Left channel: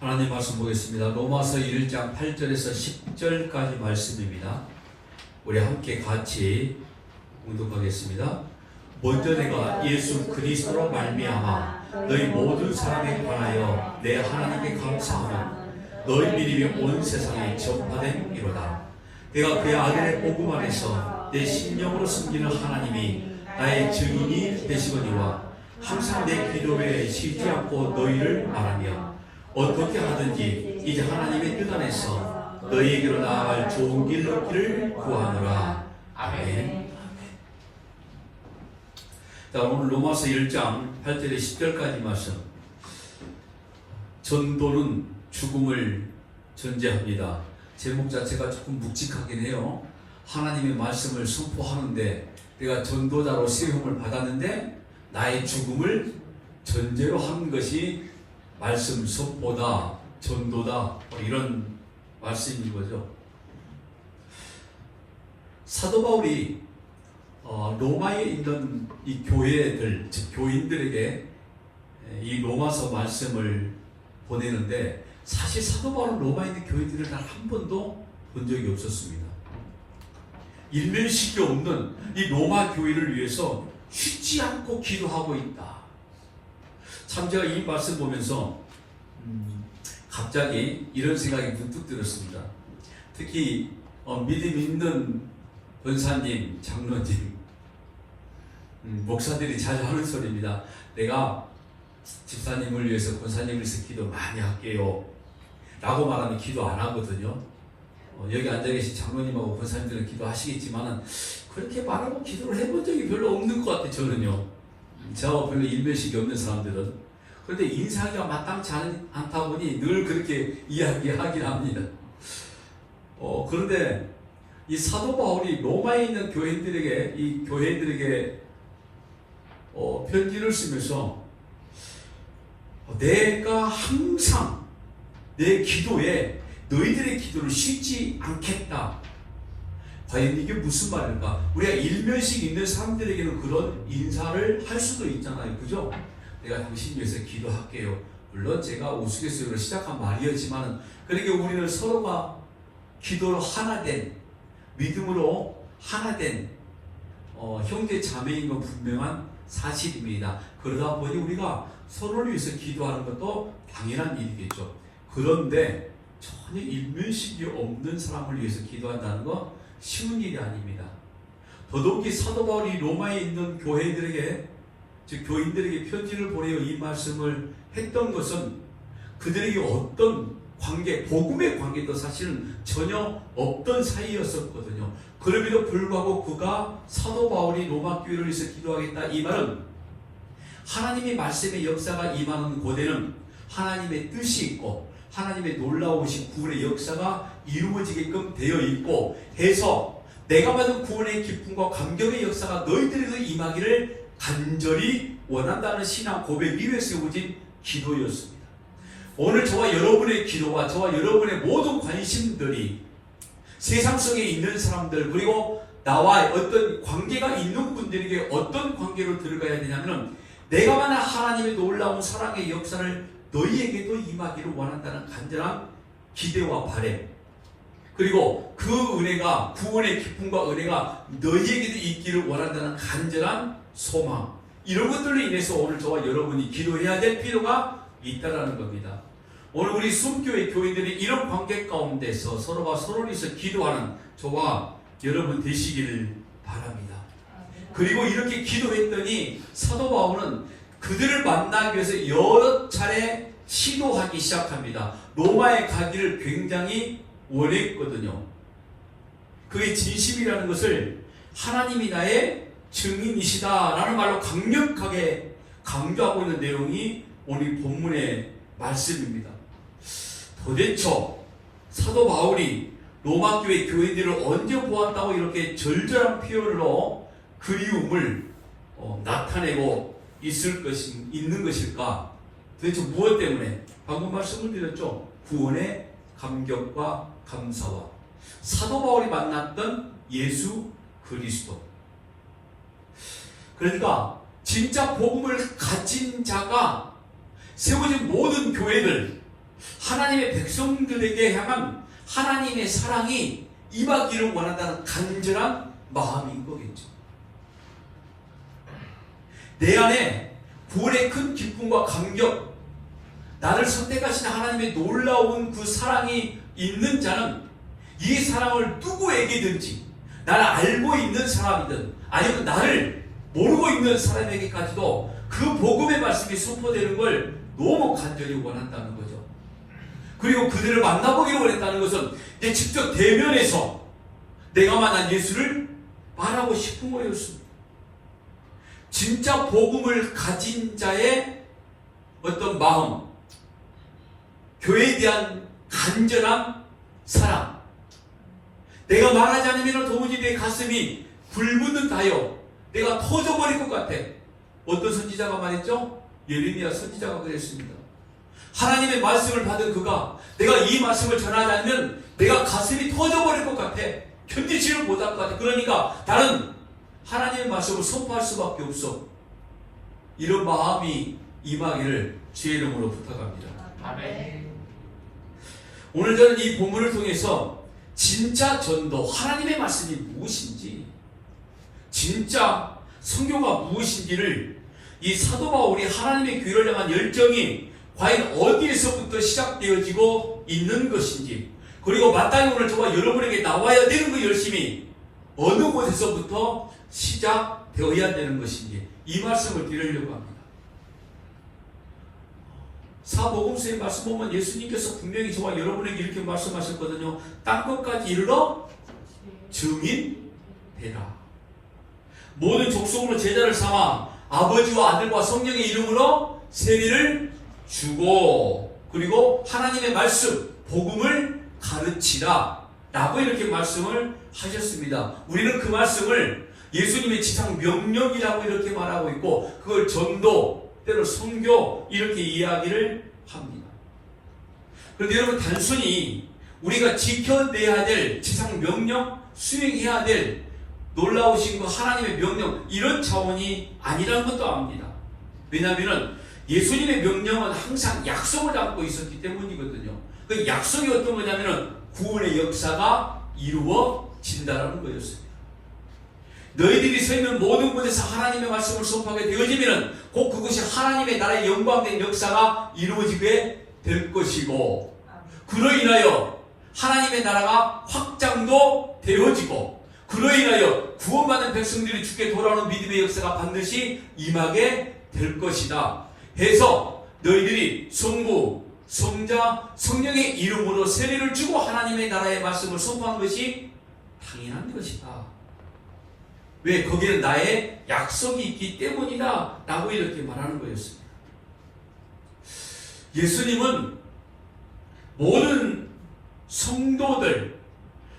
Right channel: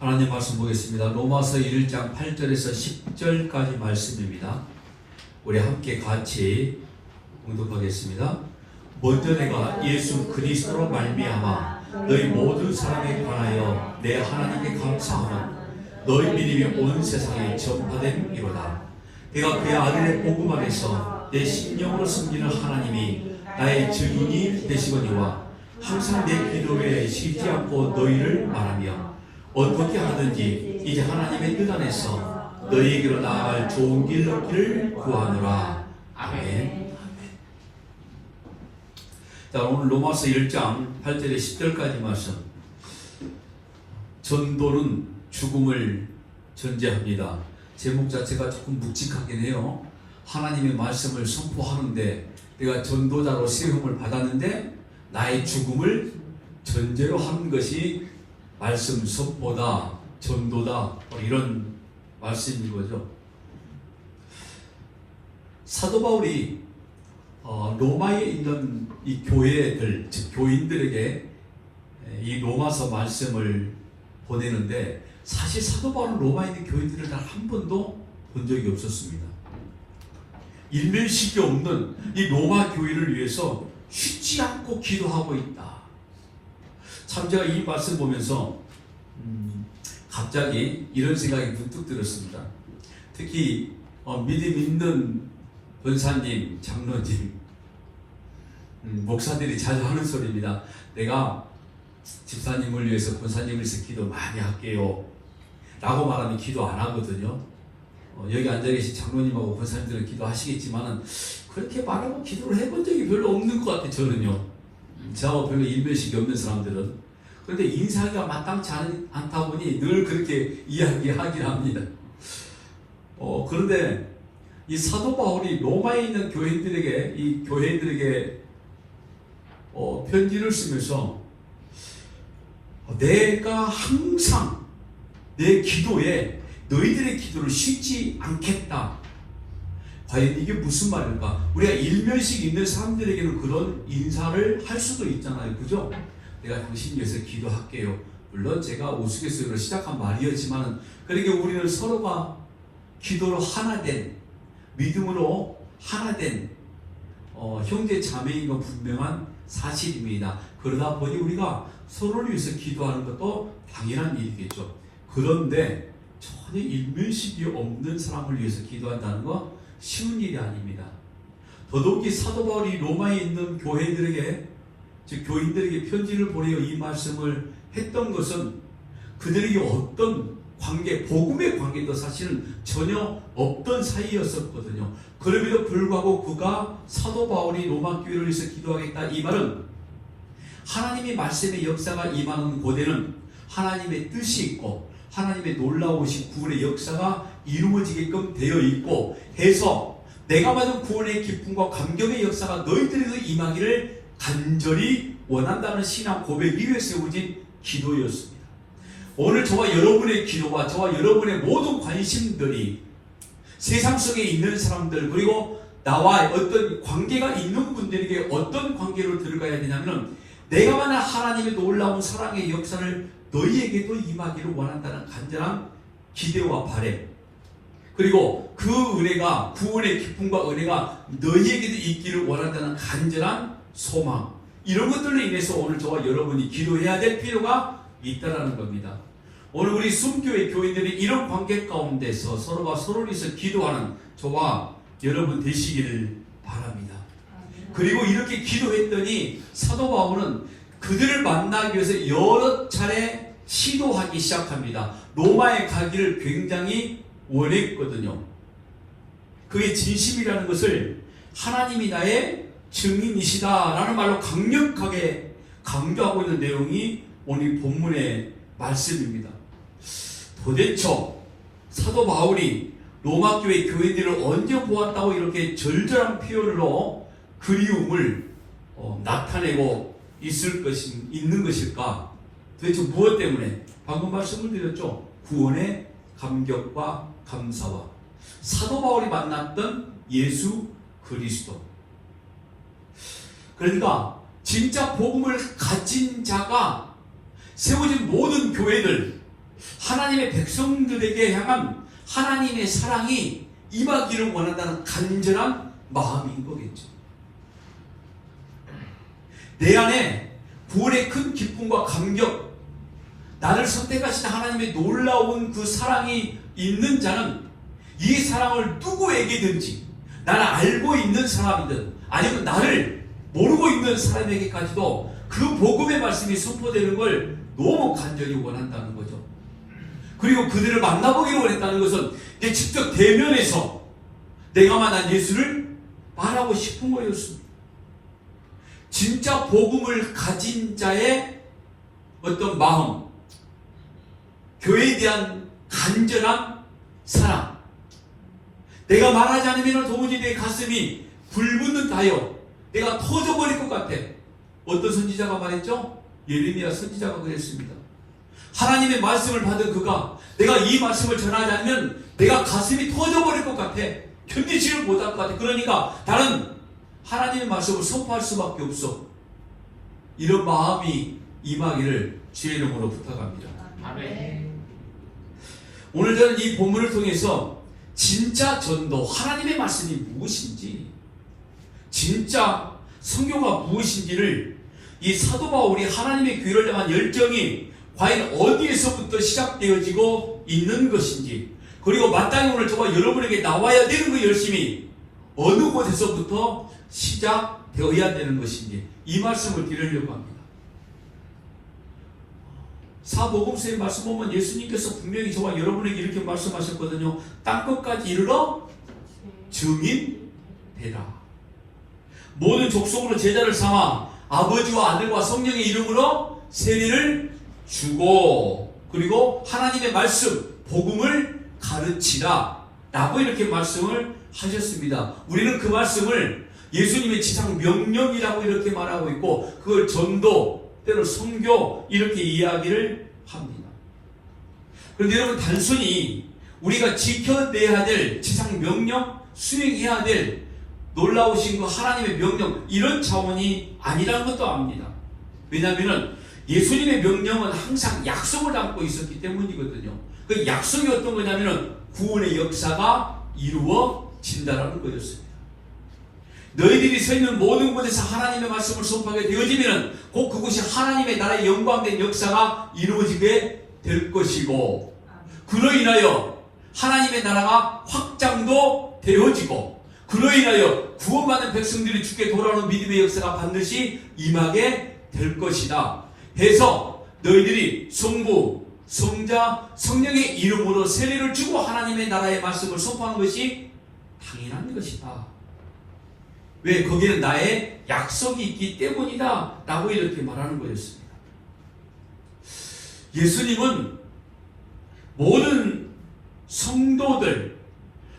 하나님 말씀 보겠습니다. 로마서 1장 8절에서 10절까지 말씀입니다. 우리 함께 같이 공독하겠습니다. 먼저 내가 예수 그리스도로 말미암아 너희 모든 사람에 관하여 내 하나님께 감사하노. 너희 믿음이 온 세상에 전파된 이로다. 내가 그의 아들의 복음 안에서 내 심령으로 섬기는 하나님이 나의 증인이 되시거니와 항상 내 기도에 쉬지 않고 너희를 말하며 어떻게 하든지 이제 하나님의 뜻 안에서 너희에게로 나아갈 좋은 길 얻기를 구하노라. 아멘. 자, 오늘 로마서 1장 8절에 10절까지 말씀. 전도는 죽음을 전제합니다. 제목 자체가 조금 묵직하긴 해요. 하나님의 말씀을 선포하는데 내가 전도자로 세움을 받았는데 나의 죽음을 전제로 하는 것이 말씀 선포다, 전도다, 이런 말씀인 거죠. 사도 바울이 로마에 있는 이 교회들, 즉 교인들에게 이 로마서 말씀을 보내는데 사실 사도 바울은 로마에 있는 교인들을 단 한 번도 본 적이 없었습니다. 일면식이 없는 이 로마 교회를 위해서 쉬지 않고 기도하고 있다. 참 제가 이 말씀 보면서 갑자기 이런 생각이 문득 들었습니다. 특히 믿음 있는 권사님, 장로님, 목사들이 자주 하는 소리입니다. 내가 집사님을 위해서 권사님을 위해서 기도 많이 할게요 라고 말하면 기도 안 하거든요. 여기 앉아계신 장로님하고 권사님들은 기도하시겠지만 그렇게 말하고 기도를 해본 적이 별로 없는 것 같아요. 저는요. 저하고 별로 일면식이 없는 사람들은. 그런데 인사가 마땅치 않다 보니 늘 그렇게 이야기하긴 합니다. 그런데 이 사도 바울이 로마에 있는 교인들에게, 이 교회들에게 편지를 쓰면서 내가 항상 내 기도에 너희들의 기도를 쉬지 않겠다. 과연 이게 무슨 말일까? 우리가 일면식 있는 사람들에게는 그런 인사를 할 수도 있잖아요. 그죠? 내가 당신 위해서 기도할게요. 물론 제가 우스갯소리로 시작한 말이었지만 그러니까 우리는 서로가 기도로 하나 된, 믿음으로 하나 된 형제 자매인 건 분명한 사실입니다. 그러다 보니 우리가 서로를 위해서 기도하는 것도 당연한 일이겠죠. 그런데 전혀 일면식이 없는 사람을 위해서 기도한다는 건 쉬운 일이 아닙니다. 더더욱이 사도 바울이 로마에 있는 교회들에게, 즉 교인들에게 편지를 보내어 이 말씀을 했던 것은 그들에게 어떤 관계, 복음의 관계도 사실은 전혀 없던 사이였었거든요. 그럼에도 불구하고 그가 사도 바울이 로마 교회를 위해서 기도하겠다 이 말은 하나님의 말씀의 역사가 임하는 곳에는 하나님의 뜻이 있고 하나님의 놀라우신 구원의 역사가 이루어지게끔 되어 있고 해서 내가 받은 구원의 기쁨과 감격의 역사가 너희들에게도 임하기를 간절히 원한다는 신앙 고백 위에 세워진 기도였습니다. 오늘 저와 여러분의 기도와 저와 여러분의 모든 관심들이 세상 속에 있는 사람들 그리고 나와 어떤 관계가 있는 분들에게 어떤 관계로 들어가야 되냐면 내가 만난 하나님의 놀라운 사랑의 역사를 너희에게도 임하기를 원한다는 간절한 기대와 바람 그리고 그 은혜가 구원의 기쁨과 은혜가 너희에게도 있기를 원한다는 간절한 소망 이런 것들로 인해서 오늘 저와 여러분이 기도해야 될 필요가 있다는 겁니다. 오늘 우리 숨교회 교인들이 이런 관계 가운데서 서로가 서로를 위해서 기도하는 저와 여러분 되시기를 바랍니다. 그리고 이렇게 기도했더니 사도 바울은 그들을 만나기 위해서 여러 차례 시도하기 시작합니다. 로마에 가기를 굉장히 원했거든요. 그게 진심이라는 것을 하나님이 나의 증인이시다라는 말로 강력하게 강조하고 있는 내용이 오늘 본문의 말씀입니다. 도대체 사도 바울이 로마 교회 교인들을 언제 보았다고 이렇게 절절한 표현으로 그리움을 나타내고 있는 것일까? 도대체 무엇 때문에? 방금 말씀을 드렸죠. 구원의 감격과 감사와 사도 바울이 만났던 예수 그리스도. 그러니까 진짜 복음을 가진 자가 세워진 모든 교회들 하나님의 백성들에게 향한 하나님의 사랑이 임하기를 원한다는 간절한 마음인 거겠죠. 내 안에 구원의 큰 기쁨과 감격, 나를 선택하신 하나님의 놀라운 그 사랑이 있는 자는 이 사랑을 누구에게든지, 나를 알고 있는 사람이든 아니면 나를 모르고 있는 사람에게까지도 그 복음의 말씀이 선포되는 걸 너무 간절히 원한다는 거죠. 그리고 그들을 만나보기를 원했다는 것은 내 직접 대면에서 내가 만난 예수를 말하고 싶은 거였습니다. 진짜 복음을 가진 자의 어떤 마음, 교회에 대한 간절한 사랑, 내가 말하지 않으면 도무지 내 가슴이 불붙는다요, 내가 터져버릴 것 같아. 어떤 선지자가 말했죠? 예레미야 선지자가 그랬습니다. 하나님의 말씀을 받은 그가 내가 이 말씀을 전하지 않으면 내가 가슴이 터져버릴 것 같아. 견디지를 못할 것 같아. 그러니까 나는 하나님의 말씀을 선포할 수밖에 없어. 이런 마음이 임하기를 주의 이름으로 부탁합니다. 아멘. 오늘 저는 이 본문을 통해서 진짜 전도, 하나님의 말씀이 무엇인지, 진짜 성경과 무엇인지를 이 사도 바울이 하나님의 교회를 향한 열정이 과연 어디에서부터 시작되어지고 있는 것인지, 그리고 마땅히 오늘 저와 여러분에게 나와야 되는 그 열심이 어느 곳에서부터 시작되어야 되는 것인지, 이 말씀을 드리려고 합니다. 사복음서의 말씀 보면 예수님께서 분명히 저와 여러분에게 이렇게 말씀하셨거든요. 땅끝까지 이르러 증인되라. 모든 족속으로 제자를 삼아 아버지와 아들과 성령의 이름으로 세례를 주고, 그리고 하나님의 말씀, 복음을 가르치라 라고 이렇게 말씀을 하셨습니다. 우리는 그 말씀을 예수님의 지상 명령이라고 이렇게 말하고 있고, 그걸 전도, 때로 선교 이렇게 이야기를 합니다. 그런데 여러분, 단순히 우리가 지켜내야 될 지상 명령, 수행해야 될 놀라우신 그 하나님의 명령, 이런 차원이 아니라는 것도 압니다. 왜냐하면 예수님의 명령은 항상 약속을 담고 있었기 때문이거든요. 그 약속이 어떤 거냐면 구원의 역사가 이루어진다는 거였습니다. 너희들이 서 있는 모든 곳에서 하나님의 말씀을 선포하게 되어지면 곧 그것이 하나님의 나라의 영광된 역사가 이루어지게 될 것이고, 그로 인하여 하나님의 나라가 확장도 되어지고, 그로 인하여 구원받은 백성들이 주께 돌아오는 믿음의 역사가 반드시 임하게 될 것이다 해서 너희들이 성부, 성자, 성령의 이름으로 세례를 주고 하나님의 나라의 말씀을 선포하는 것이 당연한 것이다. 왜? 거기는 나의 약속이 있기 때문이다 라고 이렇게 말하는 거였습니다. 예수님은 모든 성도들,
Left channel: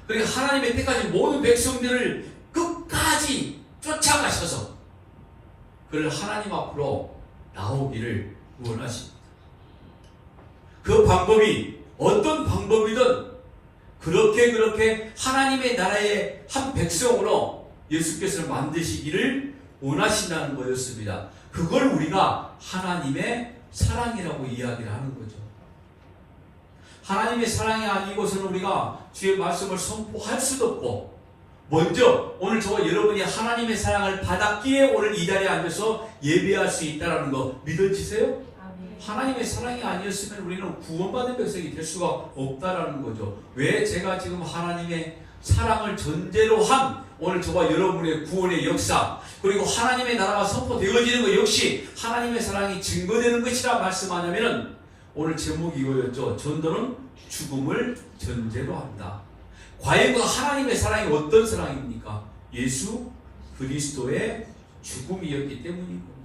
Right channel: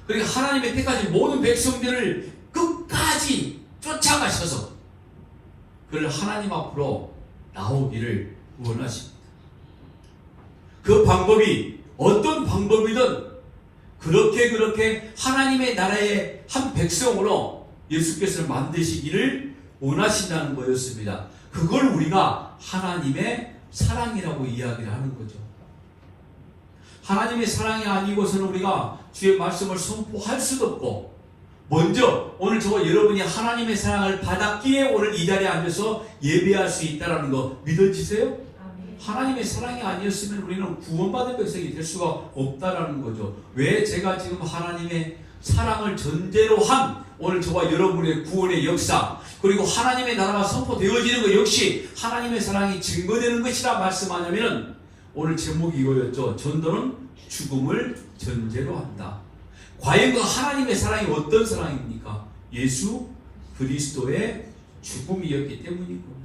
그리고 하나님의 때까지 모든 백성들을 끝까지 쫓아가셔서 그를 하나님 앞으로 나오기를 원하십니다. 그 방법이 어떤 방법이든 그렇게 하나님의 나라의 한 백성으로 예수께서 만드시기를 원하신다는 거였습니다. 그걸 우리가 하나님의 사랑이라고 이야기를 하는 거죠. 하나님의 사랑이 아니고서는 우리가 주의 말씀을 선포할 수도 없고, 먼저 오늘 저와 여러분이 하나님의 사랑을 받았기에 오늘 이 자리에 앉아서 예배할 수 있다는 거 믿어지세요? 하나님의 사랑이 아니었으면 우리는 구원받은 백성이 될 수가 없다라는 거죠. 왜? 제가 지금 하나님의 사랑을 전제로 한 오늘 저와 여러분의 구원의 역사, 그리고 하나님의 나라가 선포되어지는 것 역시 하나님의 사랑이 증거되는 것이라 말씀하냐면, 오늘 제목이 이거였죠. 전도는 죽음을 전제로 한다. 과연 그 하나님의 사랑이 어떤 사랑입니까? 예수 그리스도의 죽음이었기 때문이고.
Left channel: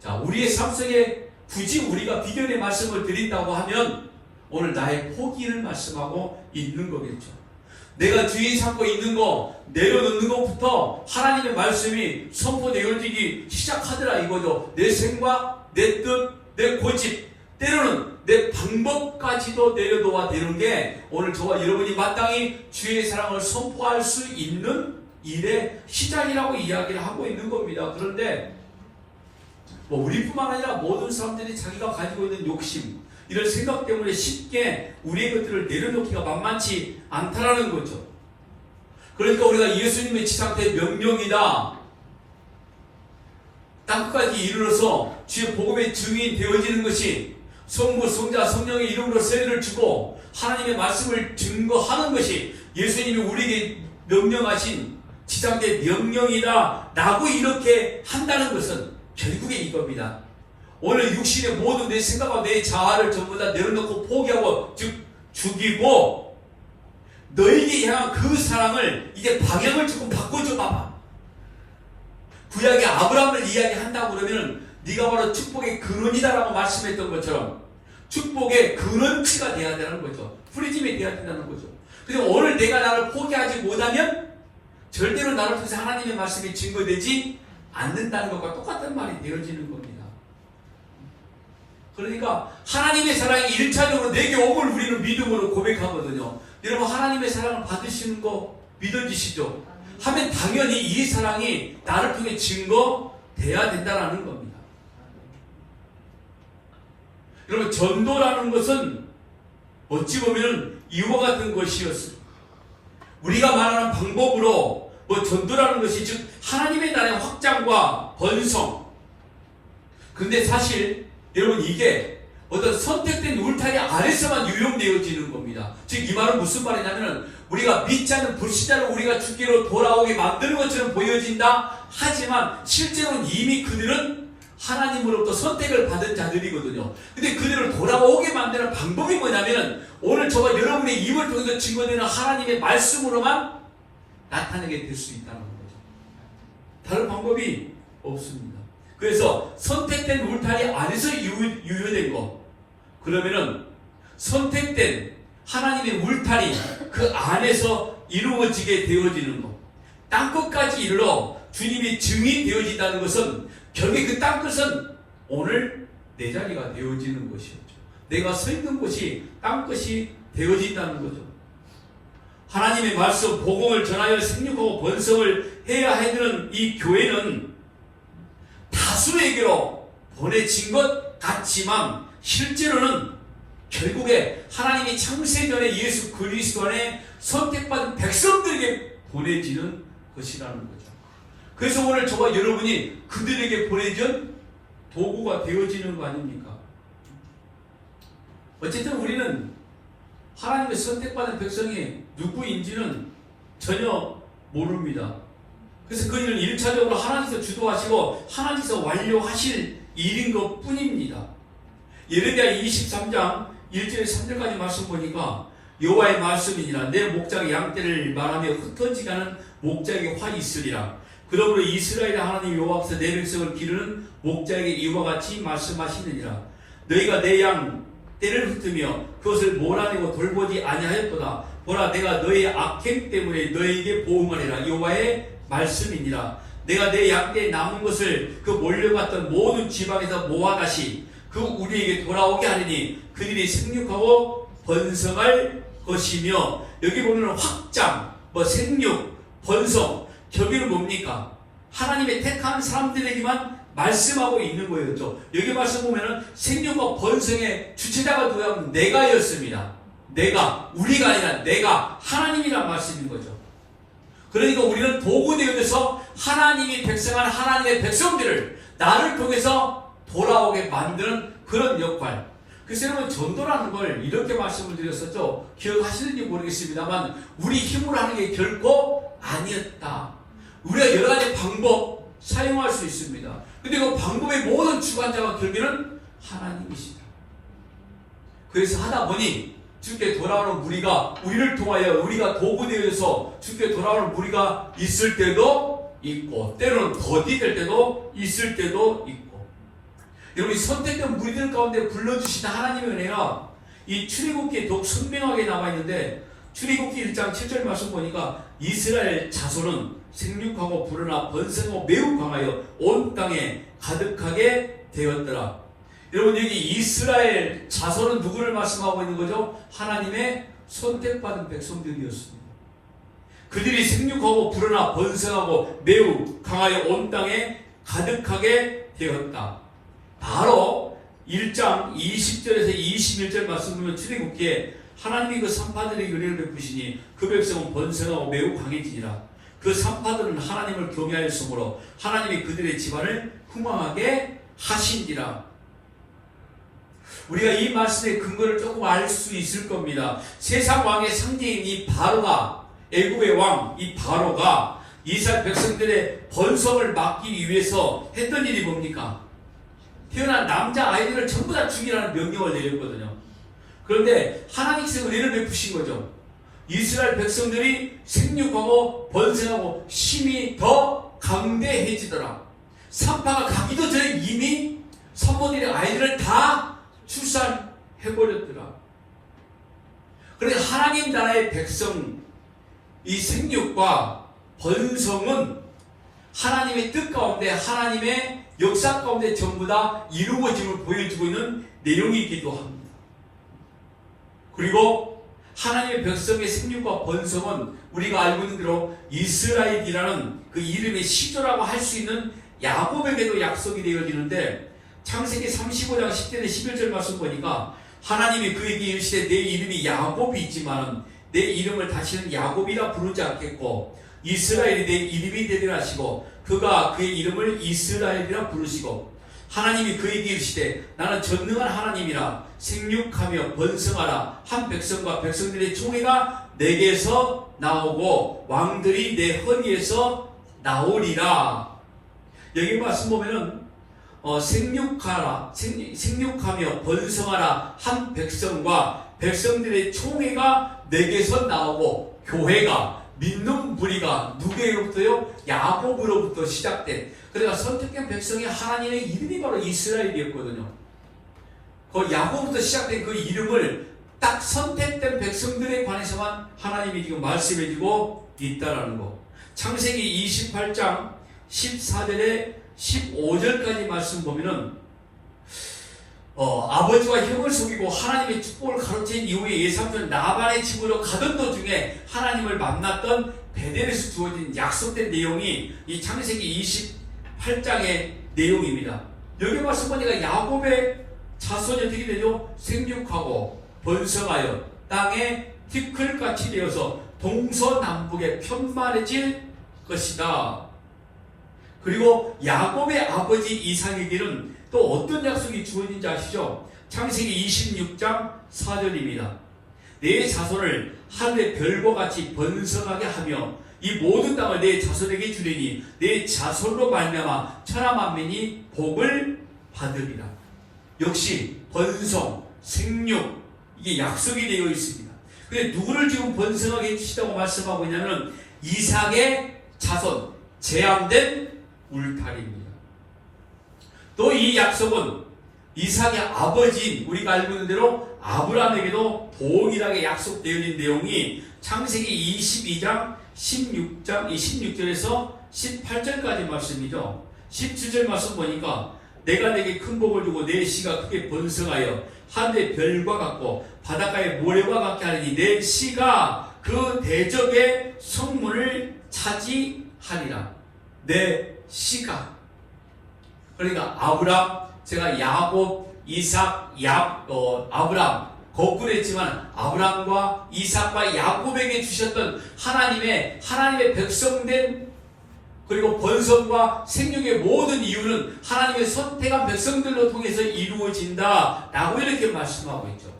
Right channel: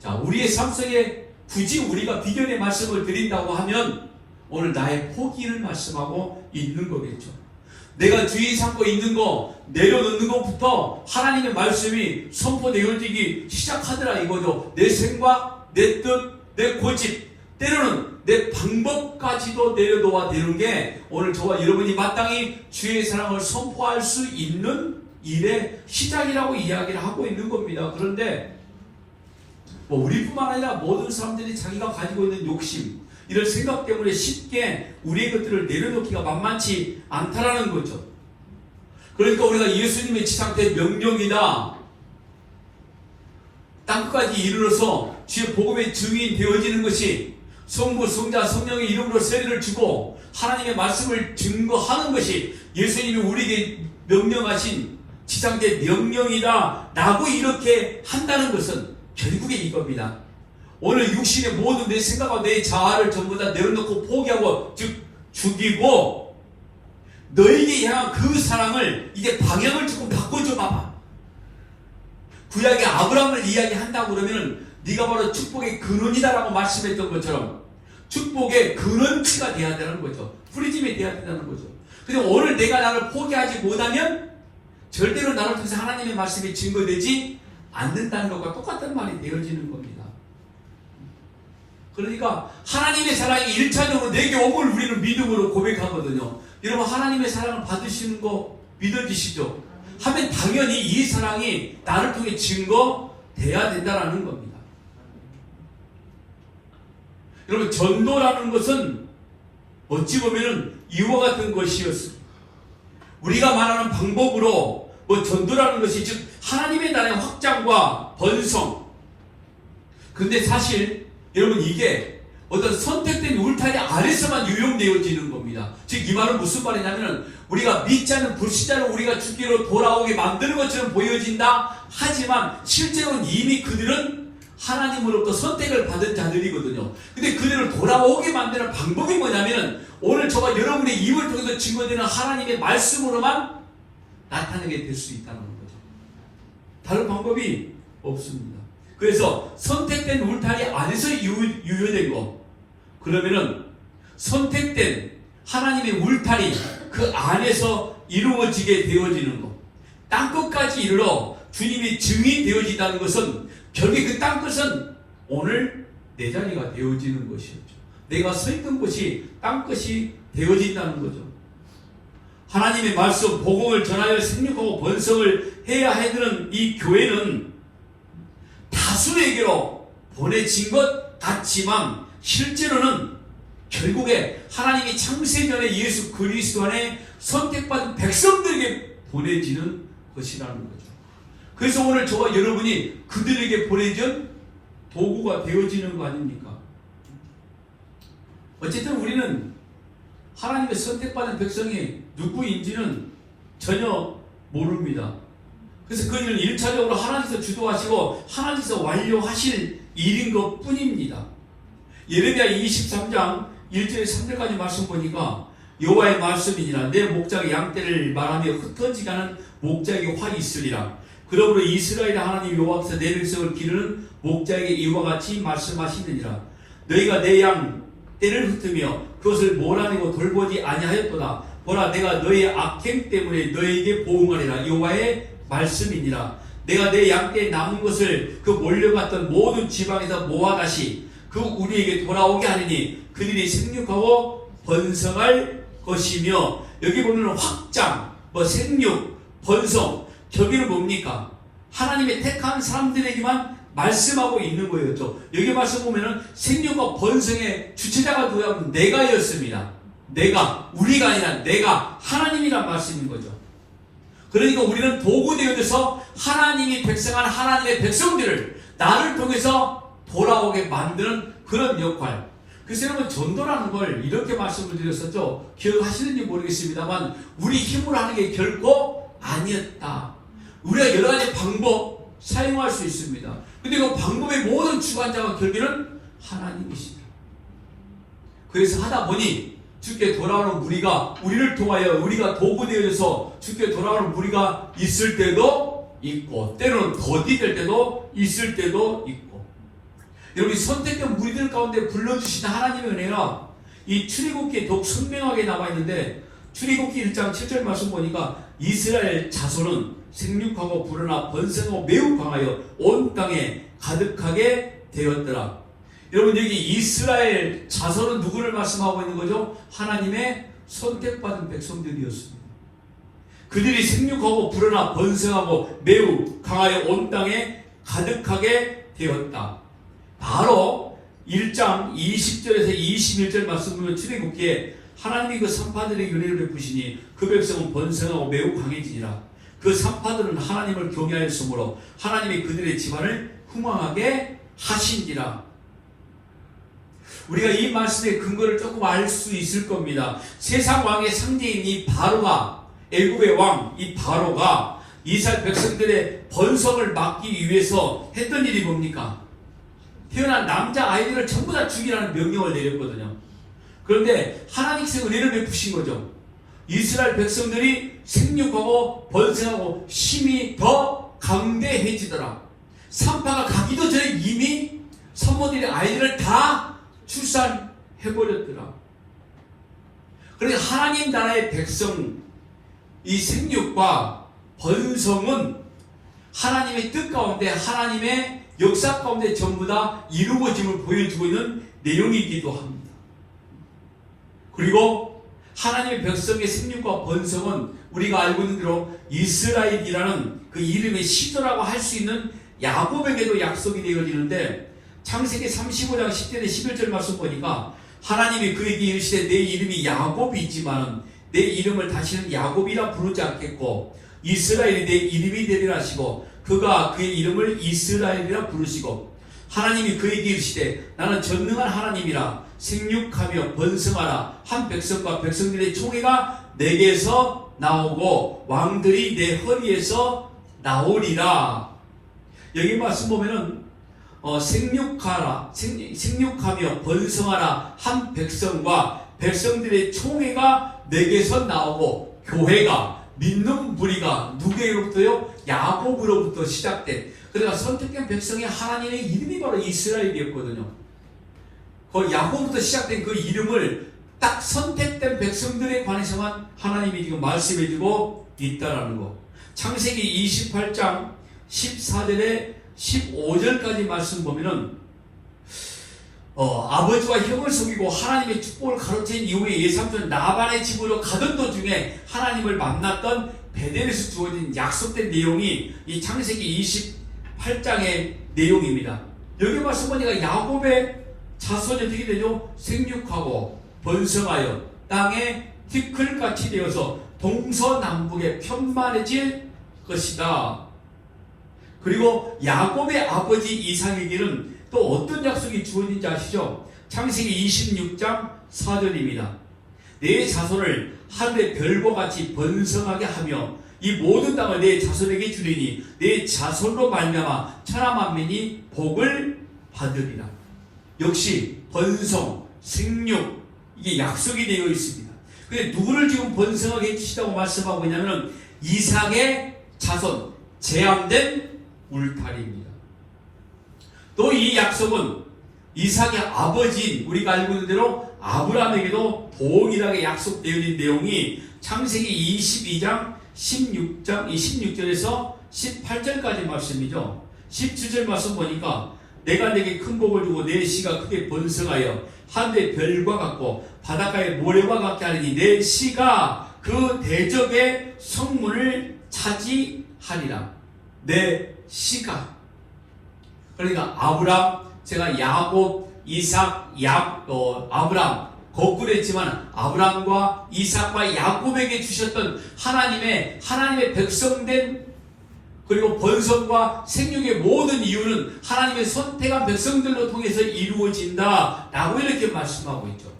자, 우리의 삶 속에 굳이 우리가 비견의 말씀을 드린다고 하면 오늘 나의 포기를 말씀하고 있는 거겠죠. 내가 주의 삼고 있는 거 내려놓는 것부터 하나님의 말씀이 선포되어지기 시작하더라 이거죠. 내 생각, 내 뜻, 내 고집, 때로는 내 방법까지도 내려놓아 되는 게 오늘 저와 여러분이 마땅히 주의 사랑을 선포할 수 있는 일의 시작이라고 이야기를 하고 있는 겁니다. 그런데 우리뿐만 아니라 모든 사람들이 자기가 가지고 있는 욕심, 이런 생각 때문에 쉽게 우리의 것들을 내려놓기가 만만치 않다라는 거죠. 그러니까 우리가 예수님의 지상대 명령이다, 땅끝까지 이르러서 주의 복음의 증인 되어지는 것이 성부, 성자, 성령의 이름으로 세례를 주고 하나님의 말씀을 증거하는 것이 예수님이 우리에게 명령하신 지상대 명령이다 라고 이렇게 한다는 것은 결국에 이겁니다. 오늘 육신의 모든 내 생각과 내 자아를 전부 다 내려놓고 포기하고, 즉 죽이고 너에게 향한 그 사랑을 이제 방향을 조금 바꿔줘 봐봐. 구약의 아브라함을 이야기한다고 그러면은 네가 바로 축복의 근원이다라고 말씀했던 것처럼 축복의 근원치가 돼야 되는 거죠. 프리즘이 돼야 된다는 거죠. 근데 오늘 내가 나를 포기하지 못하면 절대로 나를 통해서 하나님의 말씀이 증거되지 않는다는 것과 똑같은 말이 되어지는 겁니다. 그러니까 하나님의 사랑이 1차적으로 내게 옴을 우리는 믿음으로 고백하거든요. 여러분, 하나님의 사랑을 받으시는 거 믿어지시죠? 하면 당연히 이 사랑이 나를 통해 증거돼야 된다는 겁니다. 여러분, 전도라는 것은 어찌 보면 이와 같은 것이었습니다. 우리가 말하는 방법으로 전도라는 것이 즉 하나님의 나라의 확장과 번성. 근데 사실 여러분, 이게 어떤 선택된 울타리 아래서만 유용되어지는 겁니다. 즉 이 말은 무슨 말이냐면 우리가 믿지 않는 불신자를 우리가 죽기로 돌아오게 만드는 것처럼 보여진다 하지만 실제로는 이미 그들은 하나님으로부터 선택을 받은 자들이거든요. 근데 그들을 돌아오게 만드는 방법이 뭐냐면 오늘 저와 여러분의 입을 통해서 증거되는 하나님의 말씀으로만 나타나게 될 수 있다는 거죠. 다른 방법이 없습니다. 그래서 선택된 울타리 안에서 유효된 거, 그러면은 선택된 하나님의 울타리 그 안에서 이루어지게 되어지는 것, 땅끝까지 이르러 주님이 증인 되어진다는 것은 결국 그 땅끝은 오늘 내 자리가 되어지는 것이었죠. 내가 서 있는 곳이 땅끝이 되어진다는 거죠. 하나님의 말씀, 복음을 전하여 생육하고 번성을 해야 하는 이 교회는 다수에게로 보내진 것 같지만 실제로는 결국에 하나님이 창세전에 예수 그리스도 안에 선택받은 백성들에게 보내지는 것이라는 거죠. 그래서 오늘 저와 여러분이 그들에게 보내진 도구가 되어지는 거 아닙니까? 어쨌든 우리는 하나님의 선택받은 백성이 누구인지는 전혀 모릅니다. 그래서 그 일은 1차적으로 하나님께서 주도하시고 하나님께서 완료하실 일인 것 뿐입니다. 예레미야 23장 1절에 3절까지 말씀 보니까 여호와의 말씀이니라 내 목장의 양떼를 말하며 흩어지게 하는 목장의 활이 있으리라. 그러므로 이스라엘 하나님 여호와께서 내 백성을 기르는 목장에게 이와 같이 말씀하시느니라. 너희가 내 양떼를 흩으며 그것을 몰아내고 돌보지 아니하였도다. 보라, 내가 너의 악행 때문에 너에게 보응하리라. 여호와의 말씀이니라. 내가 내 양떼에 남은 것을 그 몰려갔던 모든 지방에서 모아 다시 그 우리에게 돌아오게 하리니 그들이 생육하고 번성할 것이며, 여기 보면 확장, 생육, 번성, 저기는 뭡니까? 하나님의 택한 사람들에게만 말씀하고 있는 거였죠. 여기 말씀 보면은 생육과 번성의 주체자가 누구냐면 내가였습니다. 내가, 우리가 아니라 내가 하나님이란 말씀인 거죠. 그러니까 우리는 도구 되어서 하나님이 백성한 하나님의 백성들을 나를 통해서 돌아오게 만드는 그런 역할. 그래서 여러분, 전도라는 걸 이렇게 말씀을 드렸었죠. 기억하시는지 모르겠습니다만 우리 힘으로 하는 게 결코 아니었다. 우리가 여러 가지 방법 사용할 수 있습니다. 근데 그 방법의 모든 주관자가 결국에는 하나님이시다. 그래서 하다 보니 주께 돌아오는 무리가, 우리를 통하여 우리가 도구 되어서 주께 돌아오는 무리가 있을 때도 있고 때로는 더디될 때도 있을 때도 있고, 여러분이 선택된 무리들 가운데 불러주신 하나님의 은혜가 이 출애굽기에 더욱 선명하게 나와 있는데, 출애굽기 1장 7절 말씀 보니까 이스라엘 자손은 생육하고 불어나 번성하고 매우 강하여 온 땅에 가득하게 되었더라. 여러분, 여기 이스라엘 자손은 누구를 말씀하고 있는 거죠? 하나님의 선택받은 백성들이었습니다. 그들이 생육하고 불어나 번성하고 매우 강하여 온 땅에 가득하게 되었다. 바로 1장 20절에서 21절 말씀 보면 출애굽기에 하나님이 그 산파들에게 은혜를 베푸시니 그 백성은 번성하고 매우 강해지니라. 그 산파들은 하나님을 경외하였으므로 하나님이 그들의 집안을 흥왕하게 하신지라. 우리가 이 말씀의 근거를 조금 알 수 있을 겁니다. 세상 왕의 상대인 이 바로가, 애굽의 왕 이 바로가 이스라엘 백성들의 번성을 막기 위해서 했던 일이 뭡니까? 태어난 남자 아이들을 전부 다 죽이라는 명령을 내렸거든요. 그런데 하나님께서 은혜를 베푸신 거죠. 이스라엘 백성들이 생육하고 번성하고 힘이 더 강대해지더라. 산파가 가기도 전에 이미 산모들이 아이들을 다 출산해버렸더라. 그러니까 하나님 나라의 백성, 이 생육과 번성은 하나님의 뜻 가운데, 하나님의 역사 가운데 전부 다 이루어짐을 보여주고 있는 내용이기도 합니다. 그리고 하나님의 백성의 생육과 번성은 우리가 알고 있는 대로 이스라엘이라는 그 이름의 시조라고 할 수 있는 야곱에게도 약속이 되어지는데, 창세기 35장 10절에 11절 말씀 보니까 하나님이 그에게 이르시되 내 이름이 야곱이지만 내 이름을 다시는 야곱이라 부르지 않겠고 이스라엘이 내 이름이 되리라 하시고 그가 그의 이름을 이스라엘이라 부르시고, 하나님이 그에게 이르시되 나는 전능한 하나님이라 생육하며 번성하라. 한 백성과 백성들의 총회가 내게서 나오고 왕들이 내 허리에서 나오리라. 여기 말씀 보면은 생육하며 번성하라. 한 백성과 백성들의 총회가 내게서 나오고, 교회가, 믿는 무리가 누구로부터요? 야곱으로부터 시작된, 그러니까 선택된 백성의 하나님의 이름이 바로 이스라엘이었거든요. 그 야곱부터 시작된 그 이름을 딱 선택된 백성들에 관해서만 하나님이 지금 말씀해주고 있다는 거. 창세기 28장 14절에 15절까지 말씀 보면은 아버지와 형을 속이고 하나님의 축복을 가로챈 이후에 예삼촌 나반의 집으로 가던 도중에 하나님을 만났던 베델에서 주어진 약속된 내용이 이 창세기 28장의 내용입니다. 여기 말씀 보니까 야곱의 자손이 어떻게 되죠? 생육하고 번성하여 땅에 티끌같이 되어서 동서남북에 편만해질 것이다. 그리고 야곱의 아버지 이삭에게는 또 어떤 약속이 주어진지 아시죠? 창세기 26장 4절입니다. 내 자손을 하늘의 별과 같이 번성하게 하며 이 모든 땅을 내 자손에게 주리니 내 자손으로 말미암아 천하 만민이 복을 받으리라. 역시 번성, 생육, 이게 약속이 되어 있습니다. 근데 누구를 지금 번성하게 해주시다고 말씀하고 있냐면 이삭의 자손, 제함된 울타리입니다. 또 이 약속은 이삭의 아버지인 우리가 알고 있는 대로 아브라함에게도 동일하게 약속되어 있는 내용이 창세기 22장 16절에서 18절까지 말씀이죠. 17절 말씀 보니까 내가 내게 큰 복을 주고 내 씨가 크게 번성하여 하늘의 별과 같고 바닷가의 모래와 같게 하리니 내 씨가 그 대적의 성문을 차지하리라. 내 씨가, 그러니까 아브람, 제가 야곱, 이삭, 아브람 거꾸로 했지만 아브람과 이삭과 야곱에게 주셨던 하나님의 백성된, 그리고 번성과 생육의 모든 이유는 하나님의 선택한 백성들로 통해서 이루어진다 라고 이렇게 말씀하고 있죠.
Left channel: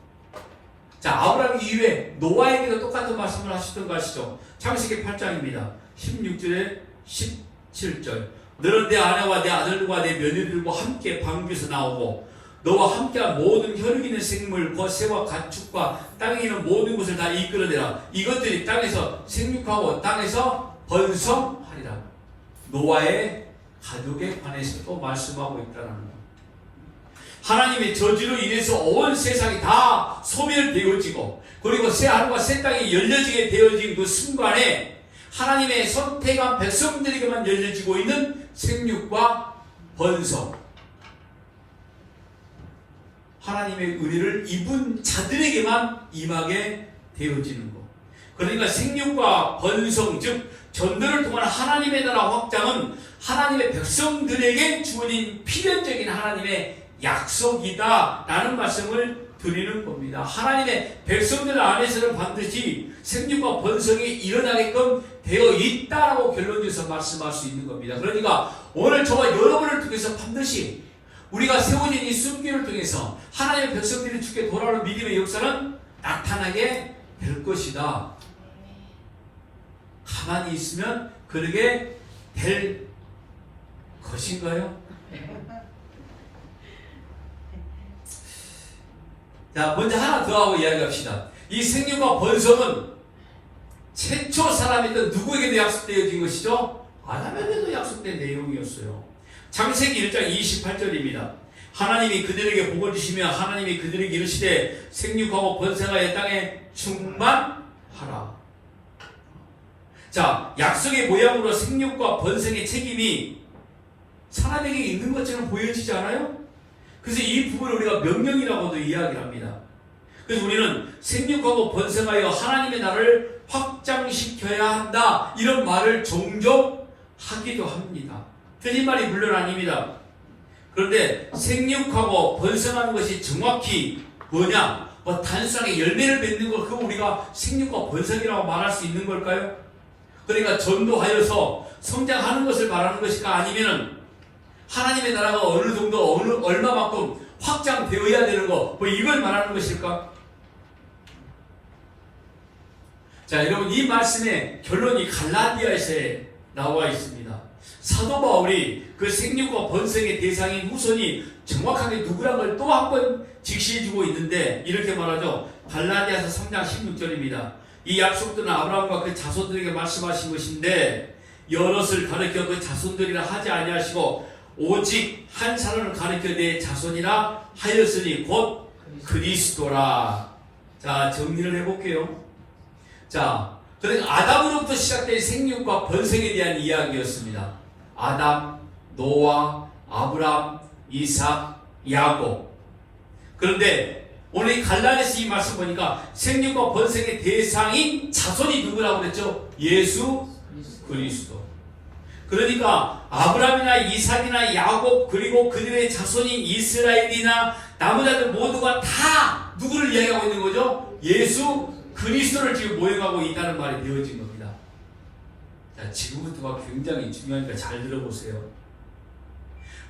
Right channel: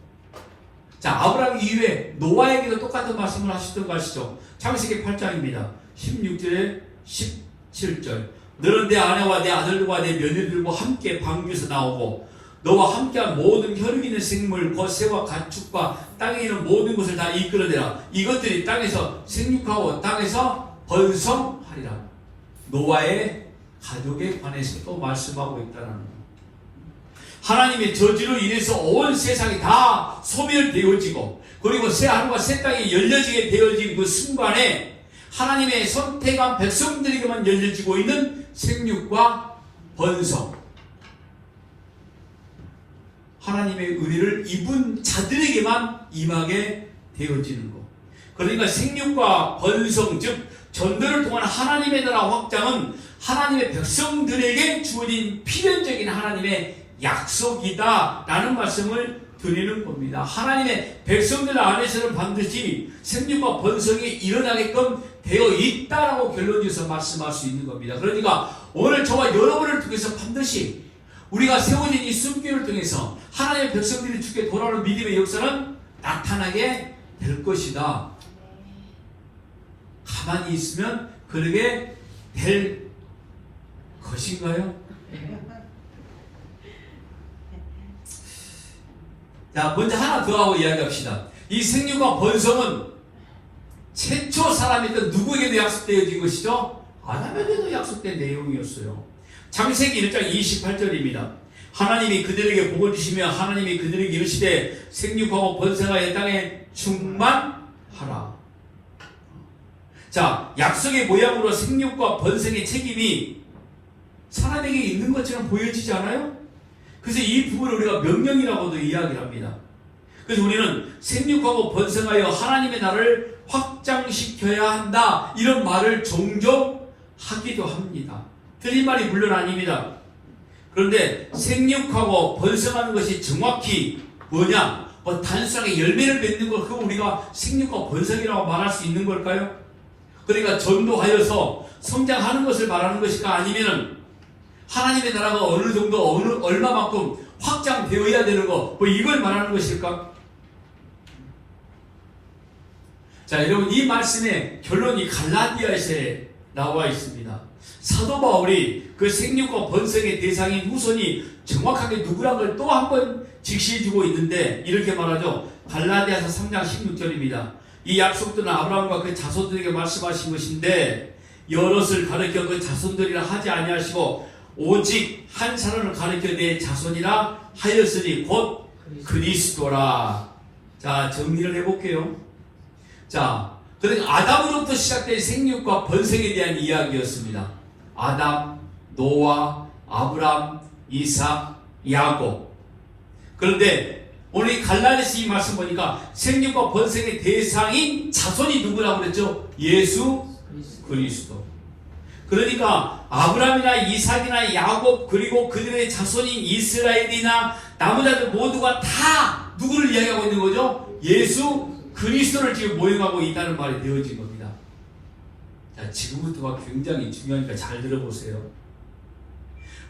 자, 아브람 이후에 노아에게도 똑같은 말씀을 하셨던 거 아시죠? 창세기 8장입니다 16절에 17절. 너는 내 아내와 내 아들과 내 며느리들과 함께 방주에서 나오고 너와 함께한 모든 혈육 있는 생물, 곧 새와 가축과 땅에 있는 모든 것을 다 이끌어내라. 이것들이 땅에서 생육하고 땅에서 번성하리라. 노아의 가족에 관해서 또 말씀하고 있다는 것. 하나님의 저주로 인해서 온 세상이 다 소멸되어지고, 그리고 새 하늘과 새 땅이 열려지게 되어진 그 순간에 하나님의 선택한 백성들에게만 열려지고 있는 생육과 번성, 하나님의 의를 입은 자들에게만 임하게 되어지는 것. 그러니까 생육과 번성, 즉 전도를 통한 하나님의 나라 확장은 하나님의 백성들에게 주어진 필연적인 하나님의 약속이다 라는 말씀을 드리는 겁니다. 하나님의 백성들 안에서는 반드시 생육과 번성이 일어나게끔 되어 있다라고 결론지어서 말씀할 수 있는 겁니다. 그러니까 오늘 저와 여러분을 통해서 반드시 우리가 세워진 이 숨기를 통해서 하나님의 백성들이 주께 돌아오는 믿음의 역사는 나타나게 될 것이다. 가만히 있으면 그러게 될 것인가요? 자, 먼저 하나 더 하고 이야기합시다. 이 생육과 번성은 최초 사람이던 누구에게도 약속되어진 것이죠? 아담에게도 약속된 내용이었어요. 창세기 1장 28절입니다. 하나님이 그들에게 복을 주시며 하나님이 그들에게 이르시되 생육하고 번성하여 땅에 충만하라. 자, 약속의 모양으로 생육과 번성의 책임이 사람에게 있는 것처럼 보여지지 않아요? 그래서 이 부분을 우리가 명령이라고도 이야기합니다. 그래서 우리는 생육하고 번성하여 하나님의 나라를 확장시켜야 한다, 이런 말을 종종 하기도 합니다. 틀린 말이 물론 아닙니다. 그런데 생육하고 번성하는 것이 정확히 뭐냐? 단순하게 열매를 맺는 걸 그거 우리가 생육과 번성이라고 말할 수 있는 걸까요? 그러니까 전도하여서 성장하는 것을 말하는 것일까? 아니면은 하나님의 나라가 어느 정도 얼마만큼 확장되어야 되는 거 이걸 말하는 것일까? 자, 여러분, 이 말씀의 결론이 갈라디아서에 나와 있습니다. 사도 바울이 그 생육과 번성의 대상인 후손이 정확하게 누구란 걸 또 한 번 직시해주고 있는데 이렇게 말하죠. 갈라디아서 3장 16절입니다. 이 약속들은 아브라함과 그 자손들에게 말씀하신 것인데 여럿을 가르쳐 그 자손들이라 하지 아니하시고 오직 한 사람을 가르쳐 내 자손이라 하였으니 곧 그리스도라. 자, 정리를 해볼게요. 자, 그러니까 아담으로부터 시작된 생육과 번성에 대한 이야기였습니다. 아담, 노아, 아브람, 이삭, 야곱. 그런데 오늘 갈라디아서 이 말씀 보니까 생육과 번성의 대상인 자손이 누구라고 그랬죠? 예수 그리스도. 그러니까 아브람이나 이삭이나 야곱 그리고 그들의 자손인 이스라엘이나 나머지들 모두가 다 누구를 이야기하고 있는 거죠? 예수 그리스도를 지금 모형하고 있다는 말이 되어진 겁니다. 자, 지금부터가 굉장히 중요하니까 잘 들어보세요.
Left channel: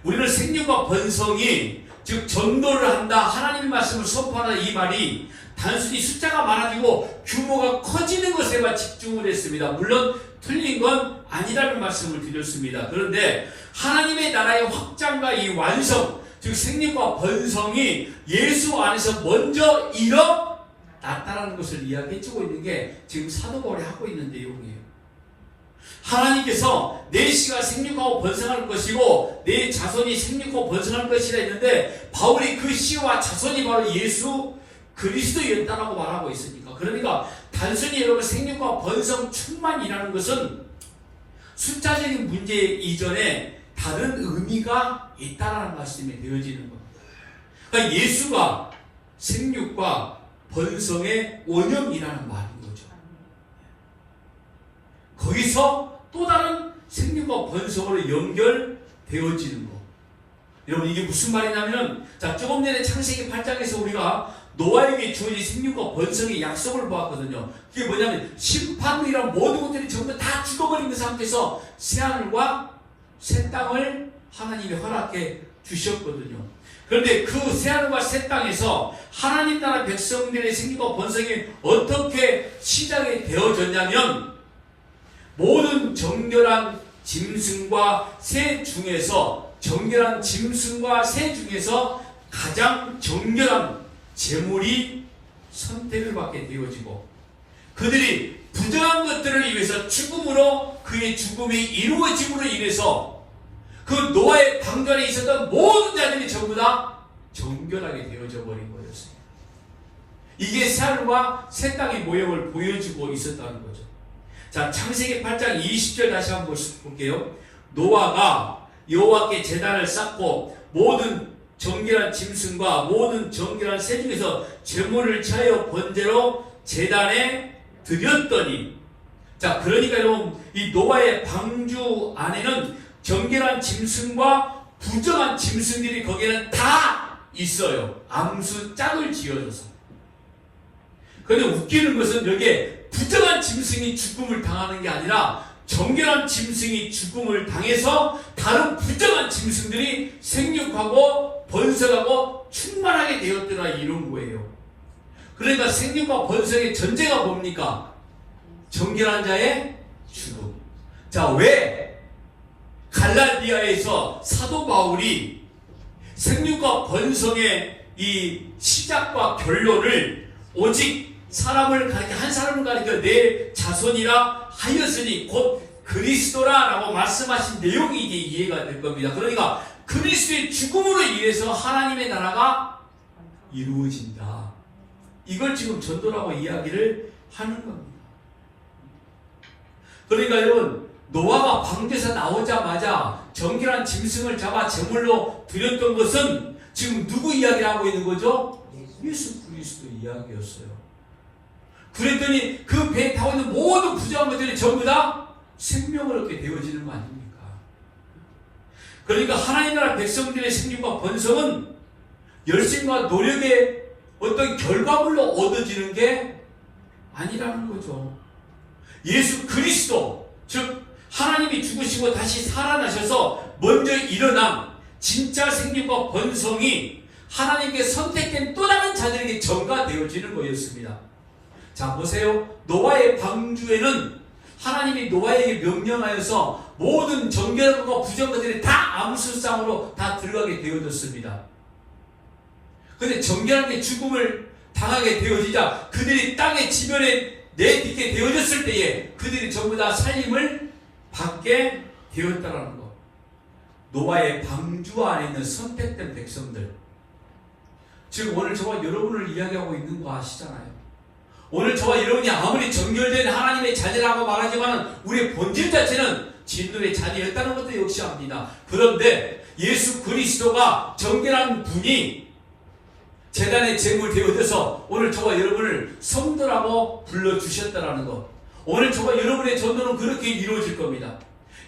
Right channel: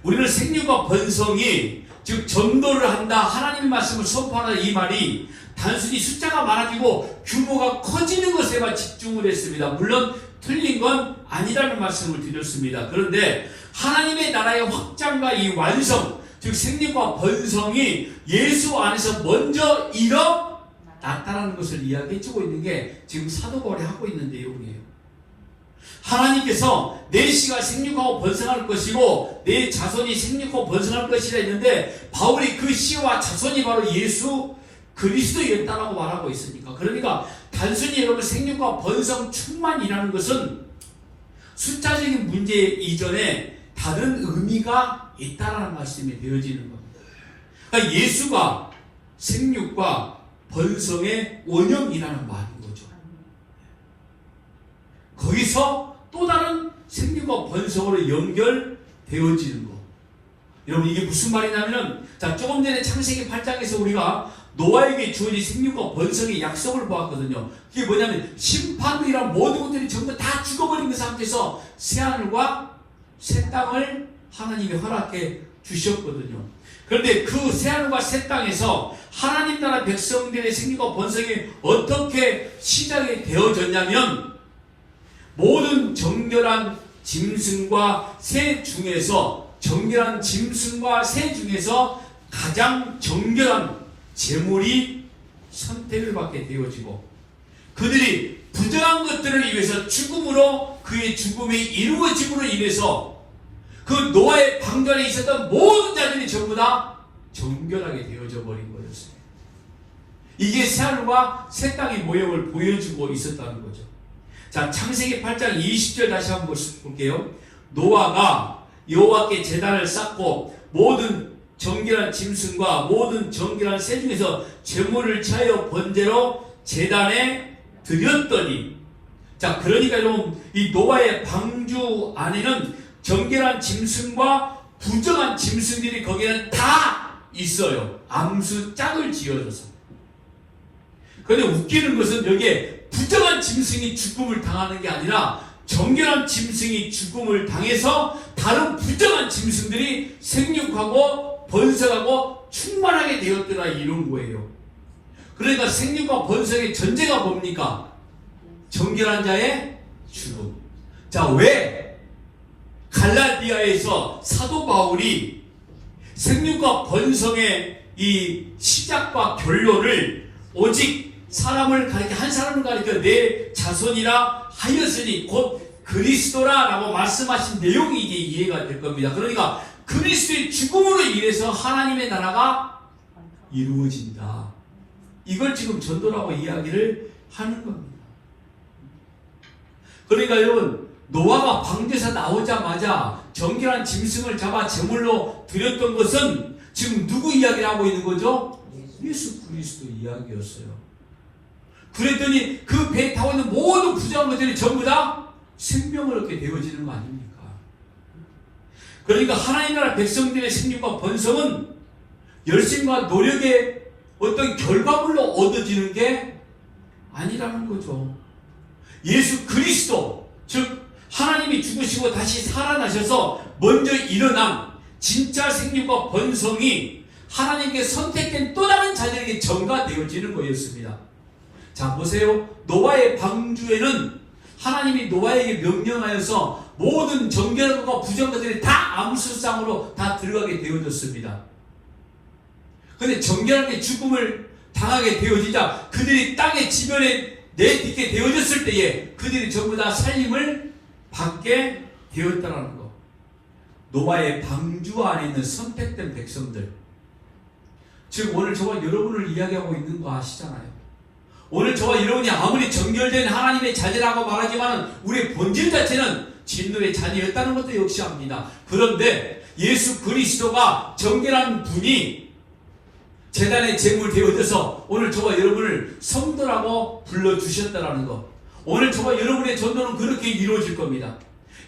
우리는 생육과 번성이 즉 전도를 한다, 하나님의 말씀을 선포하는 이 말이 단순히 숫자가 많아지고 규모가 커지는 것에만 집중을 했습니다. 물론 틀린 건 아니라는 말씀을 드렸습니다. 그런데 하나님의 나라의 확장과 이 완성, 즉 생육과 번성이 예수 안에서 먼저 일어났다는 것을 이야기해주고 있는 게 지금 사도 바울이 하고 있는 내용이에요. 하나님께서 내 씨가 생육하고 번성할 것이고 내 자손이 생육하고 번성할 것이라 했는데 바울이 그 씨와 자손이 바로 예수 그리스도였다라고 말하고 있으니까, 그러니까 단순히 여러분 생육과 번성 충만이라는 것은 숫자적인 문제 이전에 다른 의미가 있다라는 말씀이 되어지는 겁니다. 그러니까 예수가 생육과 번성의 원형이라는 말인 거죠. 거기서 또 다른 생육과 번성으로 연결되어지는 거. 여러분, 이게 무슨 말이냐면, 자, 조금 전에 창세기 8장에서 우리가 노아에게 주어진 생육과 번성의 약속을 보았거든요. 그게 뭐냐면 심판이란 모든 것들이 전부 다 죽어버린 그 상태에서 새하늘과 새 땅을 하나님이 허락해 주셨거든요. 그런데 그 새하늘과 새 땅에서 하나님 나라 백성들의 생육과 번성이 어떻게 시작이 되어졌냐면 모든 정결한 짐승과 새 중에서 가장 정결한 제물이 선택을 받게 되어지고 그들이 부정한 것들을 위해서 죽음으로 그의 죽음이 이루어짐으로 인해서 그 노아의 방전에 있었던 모든 자들이 전부 다 정결하게 되어져 버린 거였습니다. 이게 새하늘과 새 땅의 모형을 보여주고 있었다는 거죠. 자, 창세기 8장 20절 다시 한번 볼게요. 노아가 여호와께 제단을 쌓고 모든 정결한 짐승과 모든 정결한 새 중에서 제물을 취하여 번제로 제단에 드렸더니, 자, 그러니까 여러분 이 노아의 방주 안에는 정결한 짐승과 부정한 짐승들이 거기에는 다 있어요. 암수 짝을 지어줘서. 그런데 웃기는 것은 여기에 부정한 짐승이 죽음을 당하는 게 아니라 정결한 짐승이 죽음을 당해서 다른 부정한 짐승들이 생육하고 번성하고 충만하게 되었더라 이런 거예요. 그러니까 생육과 번성의 전제가 뭡니까? 정결한 자의 죽음. 자, 왜 갈라디아에서 사도 바울이 생육과 번성의 이 시작과 결론을 오직 사람을 가리켜 한 사람을 가리켜 내 자손이라 하였으니 곧 그리스도라 라고 말씀하신 내용이 이제 이해가 될 겁니다. 그러니까 그리스도의 죽음으로 인해서 하나님의 나라가 이루어진다. 이걸 지금 전도라고 이야기를 하는 겁니다. 그러니까 여러분, 노아가 방주에서 나오자마자 정결한 짐승을 잡아 제물로 드렸던 것은 지금 누구 이야기를 하고 있는 거죠? 예수 그리스도 이야기였어요. 그랬더니 그 배에 타고 있는 모든 부정한 것들이 전부 다 생명을 얻게 되어지는 거 아닙니까? 그러니까 하나님 나라 백성들의 생육과 번성은 열심과 노력의 어떤 결과물로 얻어지는 게 아니라는 거죠. 예수 그리스도, 즉 하나님이 죽으시고 다시 살아나셔서 먼저 일어난 진짜 생육과 번성이 하나님께 선택된 또 다른 자들에게 전가되어지는 거였습니다. 자, 보세요. 노아의 방주에는 하나님이 노아에게 명령하여서 모든 정결한 것과 부정한 것들이 다 암수상으로 다 들어가게 되어졌습니다. 그런데 정결한 게 죽음을 당하게 되어지자 그들이 땅의 지면에 내딛게 되어졌을 때에 그들이 전부 다 살림을 받게 되었다는 것. 노아의 방주 안에 있는 선택된 백성들. 지금 오늘 저와 여러분을 이야기하고 있는 거 아시잖아요. 오늘 저와 여러분이 아무리 정결된 하나님의 자녀라고 말하지만 우리의 본질 자체는 진노의 자녀였다는 것도 역시 압니다. 그런데 예수 그리스도가 정결한 분이 제단의 제물 되어져서 오늘 저와 여러분을 성도라고 불러주셨다는 것. 오늘 저와 여러분의 전도는 그렇게 이루어질 겁니다.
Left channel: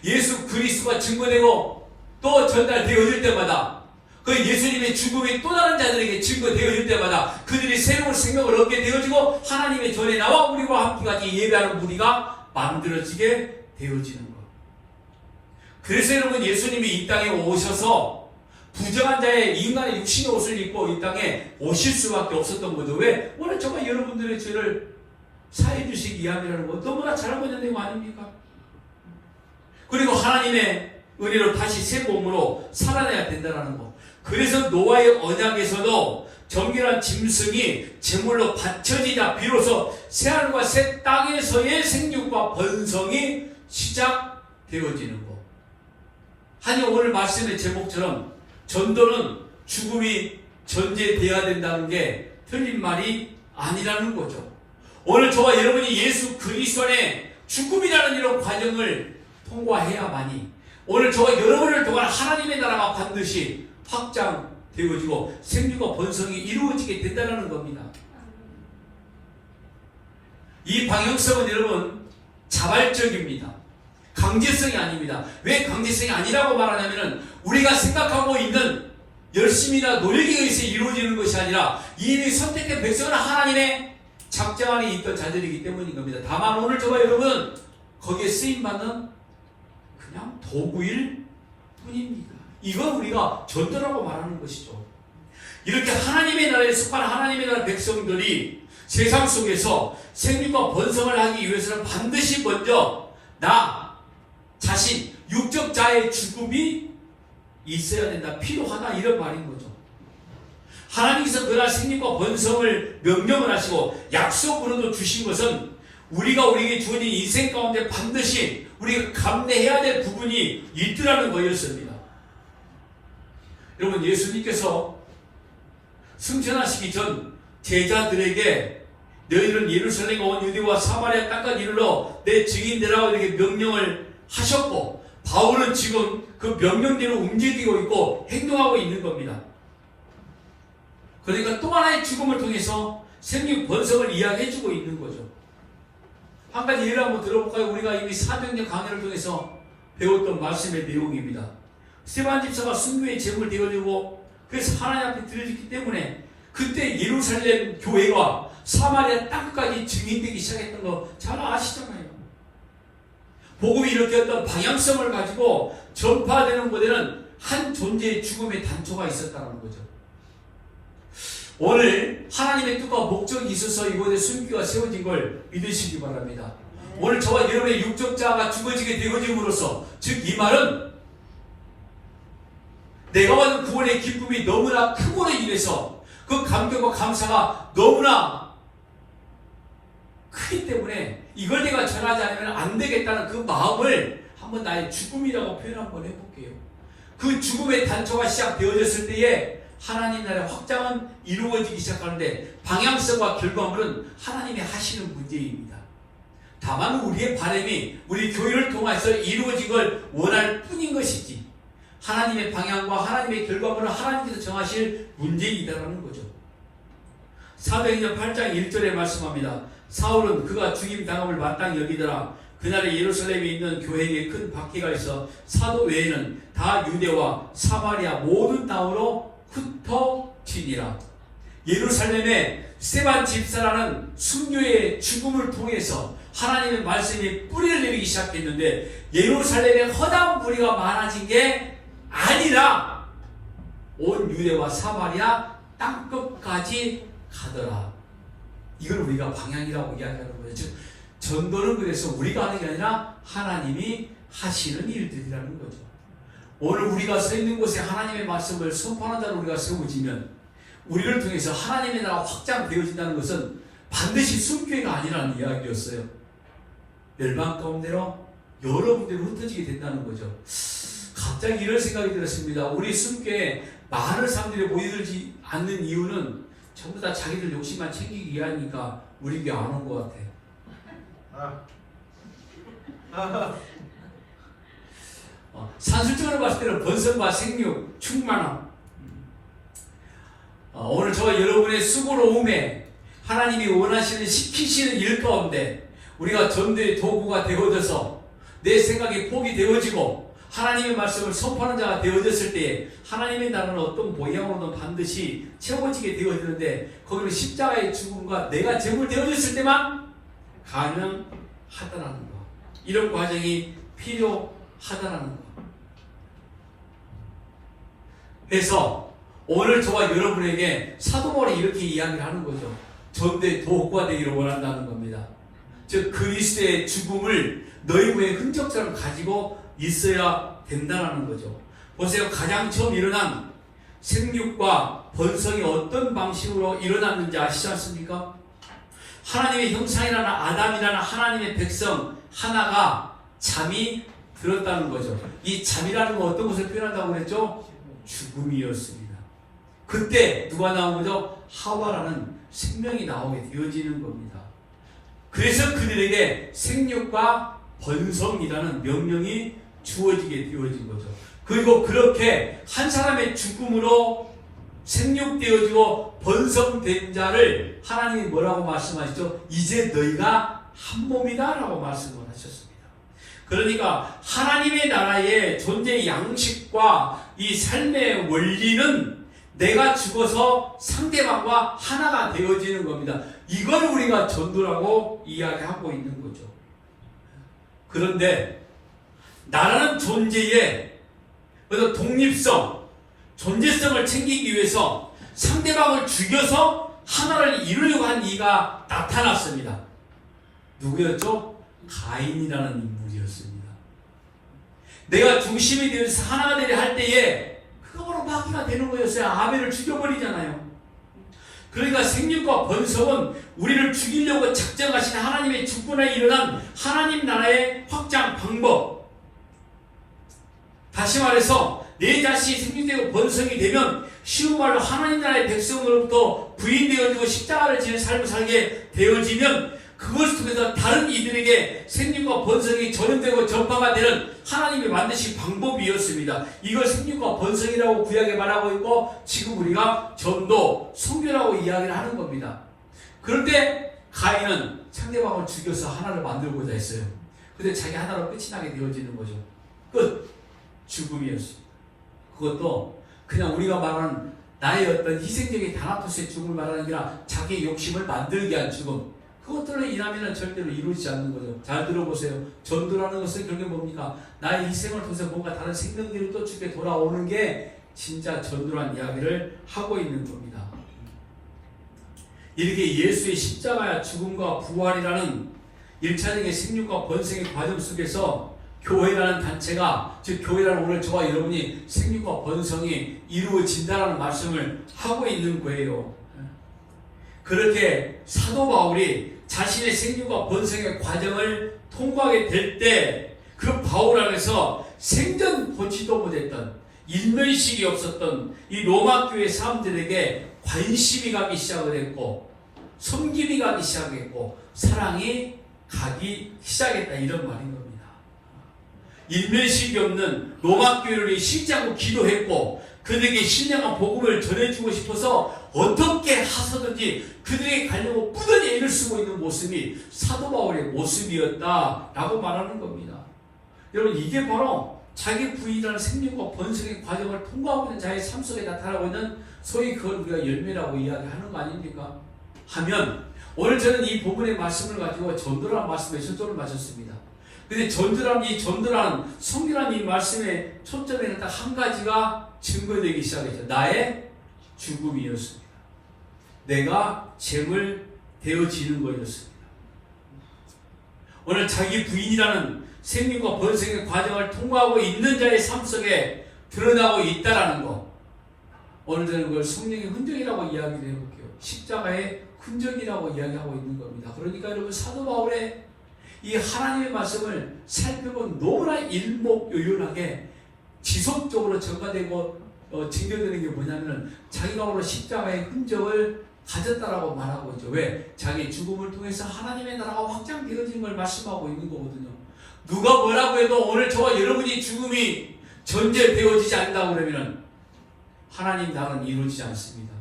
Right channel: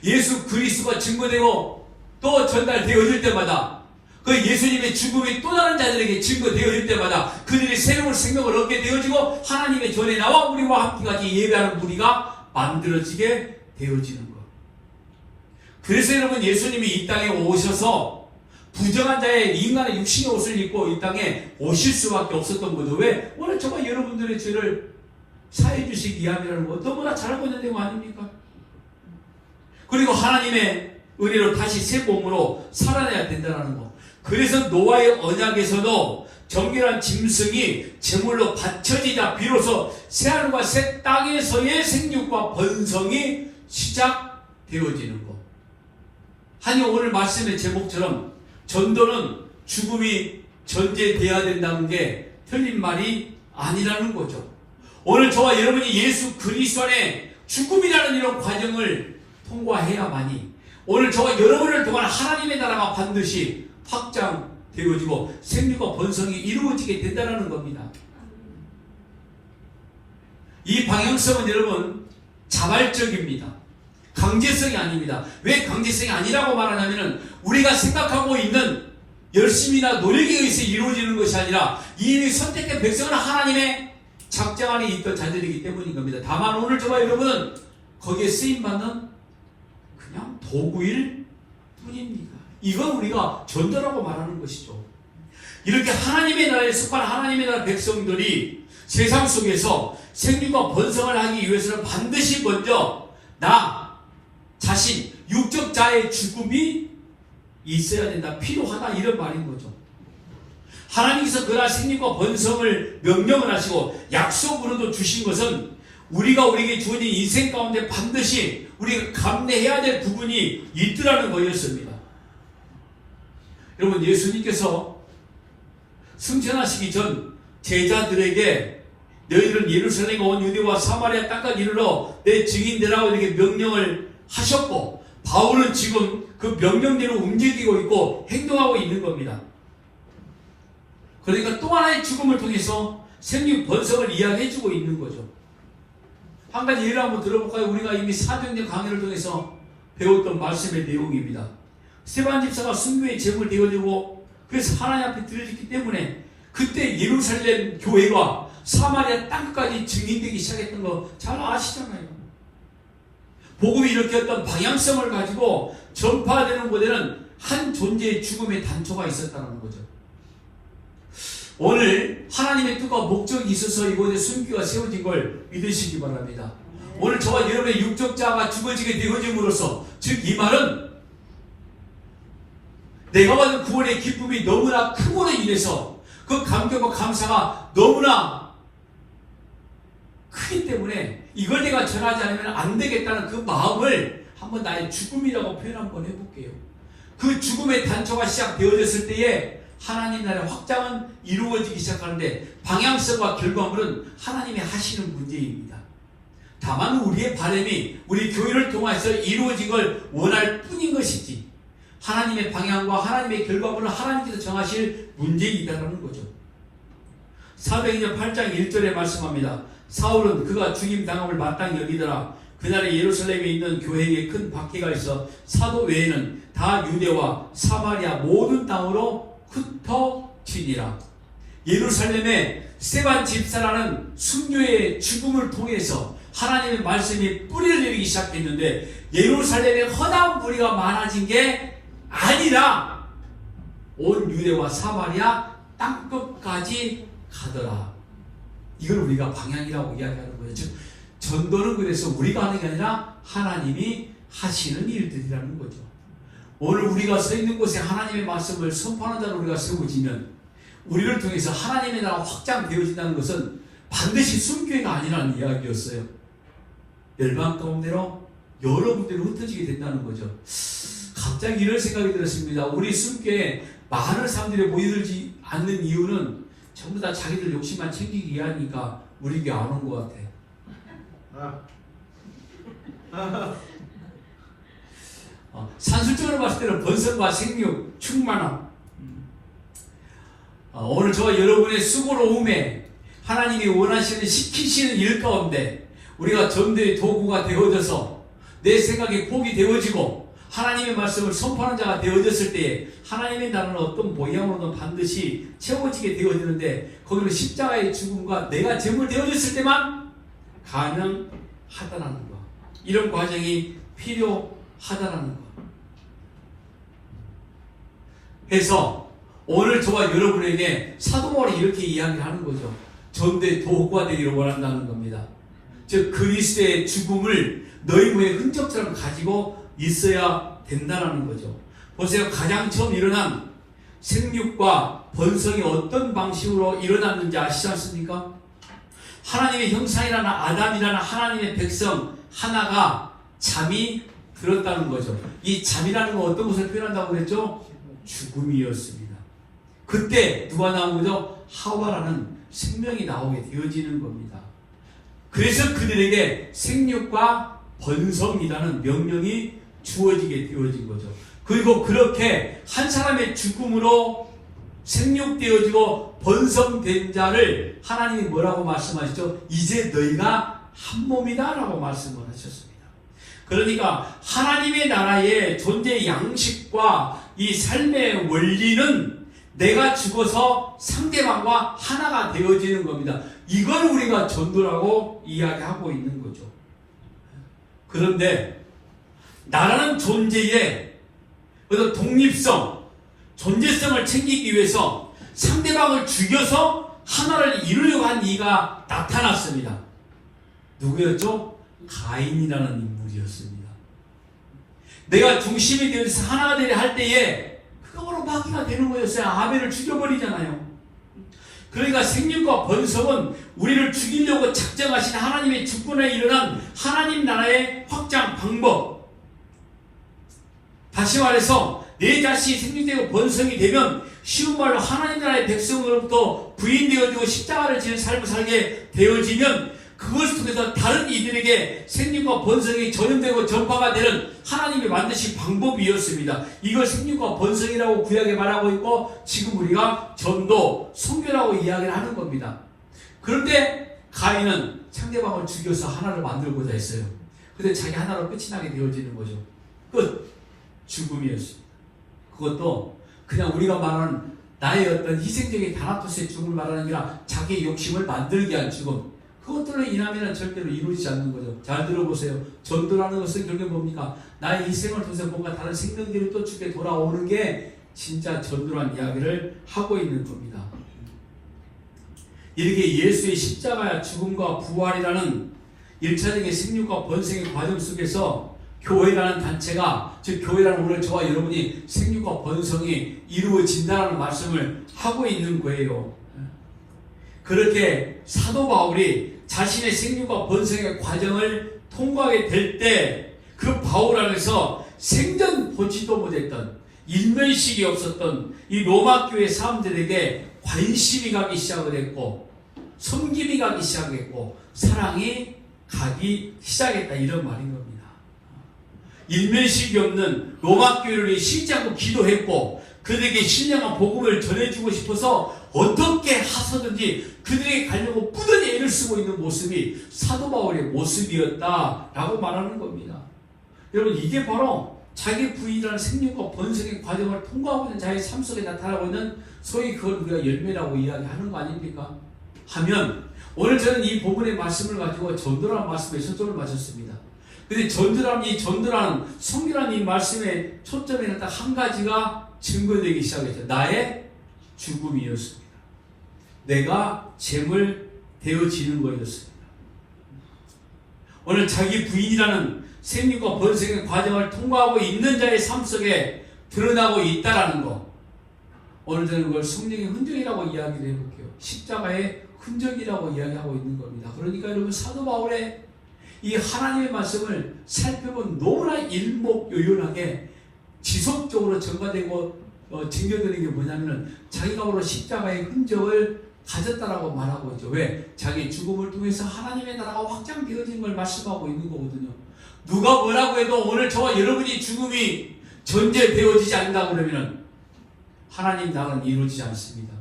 예수 그리스도가 증거되고 또 전달되어질 때마다 그 예수님의 죽음이 또 다른 자들에게 증거되어질 때마다 그들이 새로운 생명을 얻게 되어지고 하나님의 전에 나와 우리와 함께까지 예배하는 무리가 만들어지게 되어지는 것. 그래서 여러분, 예수님이 이 땅에 오셔서 부정한 자의 인간의 육신의 옷을 입고 이 땅에 오실 수밖에 없었던 거죠. 왜? 오늘 저가 여러분들의 죄를 사해 주시기 이야기하는 거 너무나 잘 알고 있는 내용 아닙니까? 그리고 하나님의 은혜로 다시 새 몸으로 살아내야 된다는 거. 그래서 노아의 언약에서도 정결한 짐승이 제물로 바쳐지자 비로소 새하늘과 새 땅에서의 생육과 번성이 시작되어지는 것. 아니, 오늘 말씀의 제목처럼 전도는 죽음이 전제되어야 된다는 게 틀린 말이 아니라는 거죠. 오늘 저와 여러분이 예수 그리스도 안에 죽음이라는 이런 과정을 통과해야만이 오늘 저와 여러분을 통한 하나님의 나라가 반드시 확장되어지고 생육과 번성이 이루어지게 된다는 겁니다. 이 방향성은 여러분 자발적입니다. 강제성이 아닙니다. 왜 강제성이 아니라고 말하냐면 우리가 생각하고 있는 열심이나 노력에 의해서 이루어지는 것이 아니라 이미 선택된 백성은 하나님의 작정 안에 있던 자들이기 때문인 겁니다. 다만 오늘 저와 여러분은 거기에 쓰임받는 그냥 도구일 뿐입니다. 이건 우리가 전도라고 말하는 것이죠. 이렇게 하나님의 나라에 속한 하나님의 나라 백성들이 세상 속에서 생육과 번성을 하기 위해서는 반드시 먼저 나 자신, 육적 자의 죽음이 있어야 된다, 필요하다, 이런 말인 거죠. 하나님께서 그날 생육과 번성을 명령을 하시고 약속으로도 주신 것은 우리가 우리에게 주어진 인생 가운데 반드시 우리가 감내해야 될 부분이 있더라는 거였습니다. 여러분, 예수님께서 승천하시기 전 제자들에게 너희들은 예루살렘에 온 유대와 사마리아 땅까지 이르러 내 증인되라고 이렇게 명령을 하셨고 바울은 지금 그 명령대로 움직이고 있고 행동하고 있는 겁니다. 그러니까 또 하나의 죽음을 통해서 생육 번성을 이야기해주고 있는 거죠. 한 가지 예를 한번 들어볼까요? 우리가 이미 사도행전 강의를 통해서 배웠던 말씀의 내용입니다. 스데반 집사가 순교의 제물 되어지고 그래서 하나님 앞에 드려졌기 때문에 그때 예루살렘 교회가 사마리아 땅까지 증인되기 시작했던 거 잘 아시잖아요. 복음이 이렇게 어떤 방향성을 가지고 전파되는 곳에는 한 존재의 죽음의 단초가 있었다는 거죠. 오늘 하나님의 뜻과 목적이 있어서 이곳에 순교가 세워진 걸 믿으시기 바랍니다. 오늘 저와 여러분의 육적자가 죽어지게 되어짐으로써, 즉 이 말은 내가 받은 구원의 기쁨이 너무나 크므로 인해서 그 감격과 감사가 너무나 크기 때문에 이걸 내가 전하지 않으면 안 되겠다는 그 마음을 한번 나의 죽음이라고 표현 한번 해볼게요. 그 죽음의 단초가 시작되어졌을 때에 하나님 나라의 확장은 이루어지기 시작하는데 방향성과 결과물은 하나님이 하시는 문제입니다. 다만 우리의 바람이 우리 교회를 통해서 이루어지길 원할 뿐인 것이지 하나님의 방향과 하나님의 결과물은 하나님께서 정하실 문제이다라는 거죠. 사도행전 8장 1절에 말씀합니다. 사울은 그가 죽임당함을 마땅히 여기더라. 그날에 예루살렘에 있는 교회에 큰 박해가 있어 사도 외에는 다 유대와 사마리아 모든 땅으로 흩어지니라. 예루살렘에 스데반 집사라는 순교의 죽음을 통해서 하나님의 말씀이 뿌리를 내리기 시작했는데 예루살렘에 허다한 무리가 많아진 게 아니라 온 유대와 사마리아 땅끝까지 가더라. 이걸 우리가 방향이라고 이야기하는 거예요. 즉 전도는 그래서 우리가 하는 게 아니라 하나님이 하시는 일들이라는 거죠. 오늘 우리가 서 있는 곳에 하나님의 말씀을 선포하는 자로 우리가 세워지면 우리를 통해서 하나님의 나라가 확장되어진다는 것은 반드시 순교회가 아니라는 이야기였어요. 멸망 가운데로 여러 군데로 흩어지게 된다는 거죠. 갑자기 이런 생각이 들었습니다. 우리 순교회에 많은 사람들이 모여들지 않는 이유는 전부 다 자기들 욕심만 챙기기 위하니까 우리 교회 안 온 것 같아. 산술적으로 봤을 때는 번성과 생육, 충만함. 오늘 저와 여러분의 수고로움에 하나님이 원하시는 시키시는 일 가운데 우리가 전도의 도구가 되어져서 내 생각이 포기 되어지고 하나님의 말씀을 선포하는 자가 되어졌을 때에 하나님의 나라는 어떤 모양으로는 반드시 채워지게 되어지는데 거기는 십자가의 죽음과 내가 제물 되어졌을 때만 가능하다는 것. 이런 과정이 필요하다는 것. 그래서 오늘 저와 여러분에게 사도 바울이 이렇게 이야기를 하는 거죠. 전도의 도구가 되기를 원한다는 겁니다. 즉 그리스도의 죽음을 너희 몸의 흔적처럼 가지고 있어야 된다는 거죠. 보세요. 가장 처음 일어난 생육과 번성이 어떤 방식으로 일어났는지 아시지 않습니까? 하나님의 형상이라는 아담이라는 하나님의 백성 하나가 잠이 들었다는 거죠. 이 잠이라는 건 어떤 것을 표현한다고 그랬죠? 죽음이었습니다. 그때 누가 나온 거죠? 하와라는 생명이 나오게 되어지는 겁니다. 그래서 그들에게 생육과 번성이라는 명령이 주어지게 되어진 거죠. 그리고 그렇게 한 사람의 죽음으로 생육되어지고 번성된 자를 하나님이 뭐라고 말씀하시죠? 이제 너희가 한 몸이다 라고 말씀을 하셨습니다. 그러니까 하나님의 나라의 존재의 양식과 이 삶의 원리는 내가 죽어서 상대방과 하나가 되어지는 겁니다. 이걸 우리가 전도라고 이야기하고 있는 거죠. 그런데 나라는 존재의 어떤 독립성, 존재성을 챙기기 위해서 상대방을 죽여서 하나를 이루려고 한 이가 나타났습니다. 누구였죠? 가인이라는 인물이었습니다. 내가 중심이 되어서 하나가 되려 할 때에 그가 바로 마귀가 되는 거였어요. 아벨을 죽여버리잖아요. 그러니까 생육과 번성은 우리를 죽이려고 작정하신 하나님의 주권에 일어난 하나님 나라의 확장 방법. 다시 말해서 내 자신이 생육되고 번성이 되면 쉬운 말로 하나님 나라의 백성으로부터 부인되어지고 십자가를 지는 삶을 살게 되어지면 그것을 통해서 다른 이들에게 생육과 번성이 전염되고 전파가 되는 하나님의 만드신 방법이었습니다. 이걸 생육과 번성이라고 구약에 말하고 있고 지금 우리가 전도, 선교라고 이야기를 하는 겁니다. 그런데 가인은 상대방을 죽여서 하나를 만들고자 했어요. 그런데 자기 하나로 끝이 나게 되어지는 거죠. 끝. 죽음이었습니다. 그것도 그냥 우리가 말하는 나의 어떤 희생적인 다나토스의 죽음을 말하는 게 아니라 자기 욕심을 만들게 한 죽음. 그것들로 인하면 절대로 이루어지지 않는 거죠. 잘 들어보세요. 전도라는 것은 결국 뭡니까? 나의 희생을 통해서 뭔가 다른 생명들이 또 죽게 돌아오는 게 진짜 전도라는 이야기를 하고 있는 겁니다. 이렇게 예수의 십자가야 죽음과 부활이라는 1차적인 생육과 번성의 과정 속에서 교회라는 단체가, 즉 교회라는 오늘 저와 여러분이 생육과 번성이 이루어진다라는 말씀을 하고 있는 거예요. 그렇게 사도 바울이 자신의 생육과 번성의 과정을 통과하게 될 때 그 바울 안에서 생전 보지도 못했던 일면식이 없었던 이 로마 교회 사람들에게 관심이 가기 시작했고 섬김이 가기 시작했고 사랑이 가기 시작했다 이런 말인 겁니다. 일면식이 없는 로마 교회를 위해 신장하고 기도했고 그들에게 신령한 복음을 전해주고 싶어서 어떻게 하서든지 그들에게 가려고 뿌듯이 애를 쓰고 있는 모습이 사도 바울의 모습이었다라고 말하는 겁니다. 여러분 이게 바로 자기 부인이라는 생명과 번성의 과정을 통과하고 있는 자의 삶 속에 나타나고 있는 소위 그걸 우리가 열매라고 이야기하는 거 아닙니까? 하면 오늘 저는 이 부분의 말씀을 가지고 전도라는 말씀에 초점을 맞췄습니다. 근데 전도라는 성경이라는 이 말씀의 초점에는 딱 한 가지가 증거되기 시작했죠. 나의 죽음이었습니다. 내가 재물 되어지는 거였습니다. 오늘 자기 부인이라는 생명과 번성의 과정을 통과하고 있는 자의 삶 속에 드러나고 있다라는 거. 오늘 저는 그걸 성령의 흔적이라고 이야기를 해볼게요. 십자가의 흔적이라고 이야기하고 있는 겁니다. 그러니까 여러분 사도 바울의 이 하나님의 말씀을 살펴본 너무나 일목요연하게 지속적으로 전가되고 증거되는 게 뭐냐면 자기가 바로 십자가의 흔적을 가졌다라고 말하고 있죠. 왜? 자기 죽음을 통해서 하나님의 나라가 확장되어진 걸 말씀하고 있는 거거든요. 누가 뭐라고 해도 오늘 저와 여러분이 죽음이 전제되어지지 않는다고 그러면 하나님 나라는 이루어지지 않습니다.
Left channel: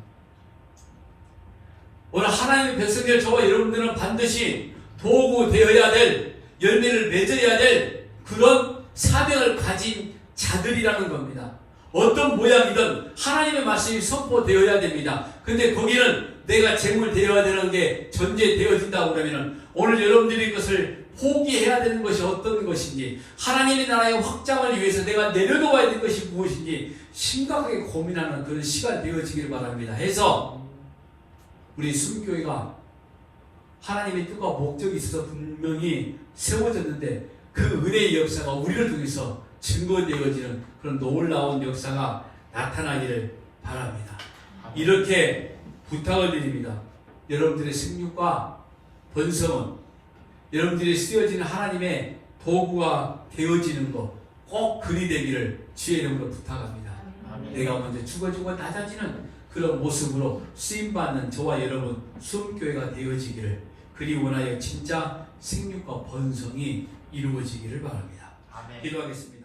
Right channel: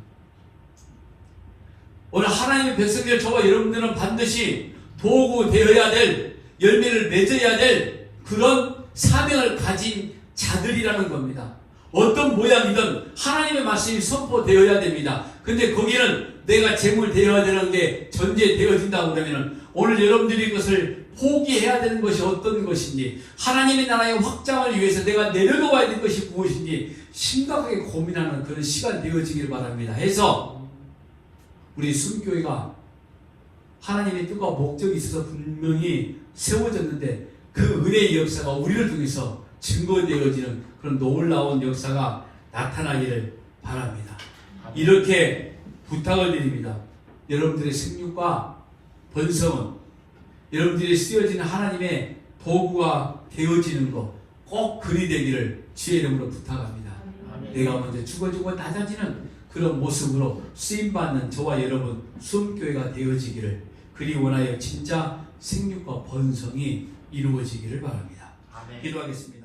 오늘 하나님의 백성들 저와 여러분들은 반드시 도구 되어야 될, 열매를 맺어야 될 그런 사명을 가진 자들이라는 겁니다. 어떤 모양이든 하나님의 말씀이 선포되어야 됩니다. 근데 거기는 내가 재물 되어야 되는 게 전제되어진다고 그러면 오늘 여러분들이 그것을 포기해야 되는 것이 어떤 것인지, 하나님의 나라의 확장을 위해서 내가 내려놓아야 될 것이 무엇인지 심각하게 고민하는 그런 시간 되어지길 바랍니다. 해서 우리 순교회가 하나님의 뜻과 목적이 있어서 분명히 세워졌는데 그 은혜의 역사가 우리를 통해서 증거되어지는 그런 놀라운 역사가 나타나기를 바랍니다. 이렇게 부탁을 드립니다. 여러분들의 생육과 번성은 여러분들이 쓰여지는 하나님의 도구가 되어지는 것 꼭 그리 되기를 주의 이름으로 부탁합니다. 내가 먼저 죽어지고 낮아지는 그런 모습으로 쓰임받는 저와 여러분 수험교회가 되어지기를 그리 원하여 진짜 생육과 번성이 이루어지기를 바랍니다. 기도하겠습니다.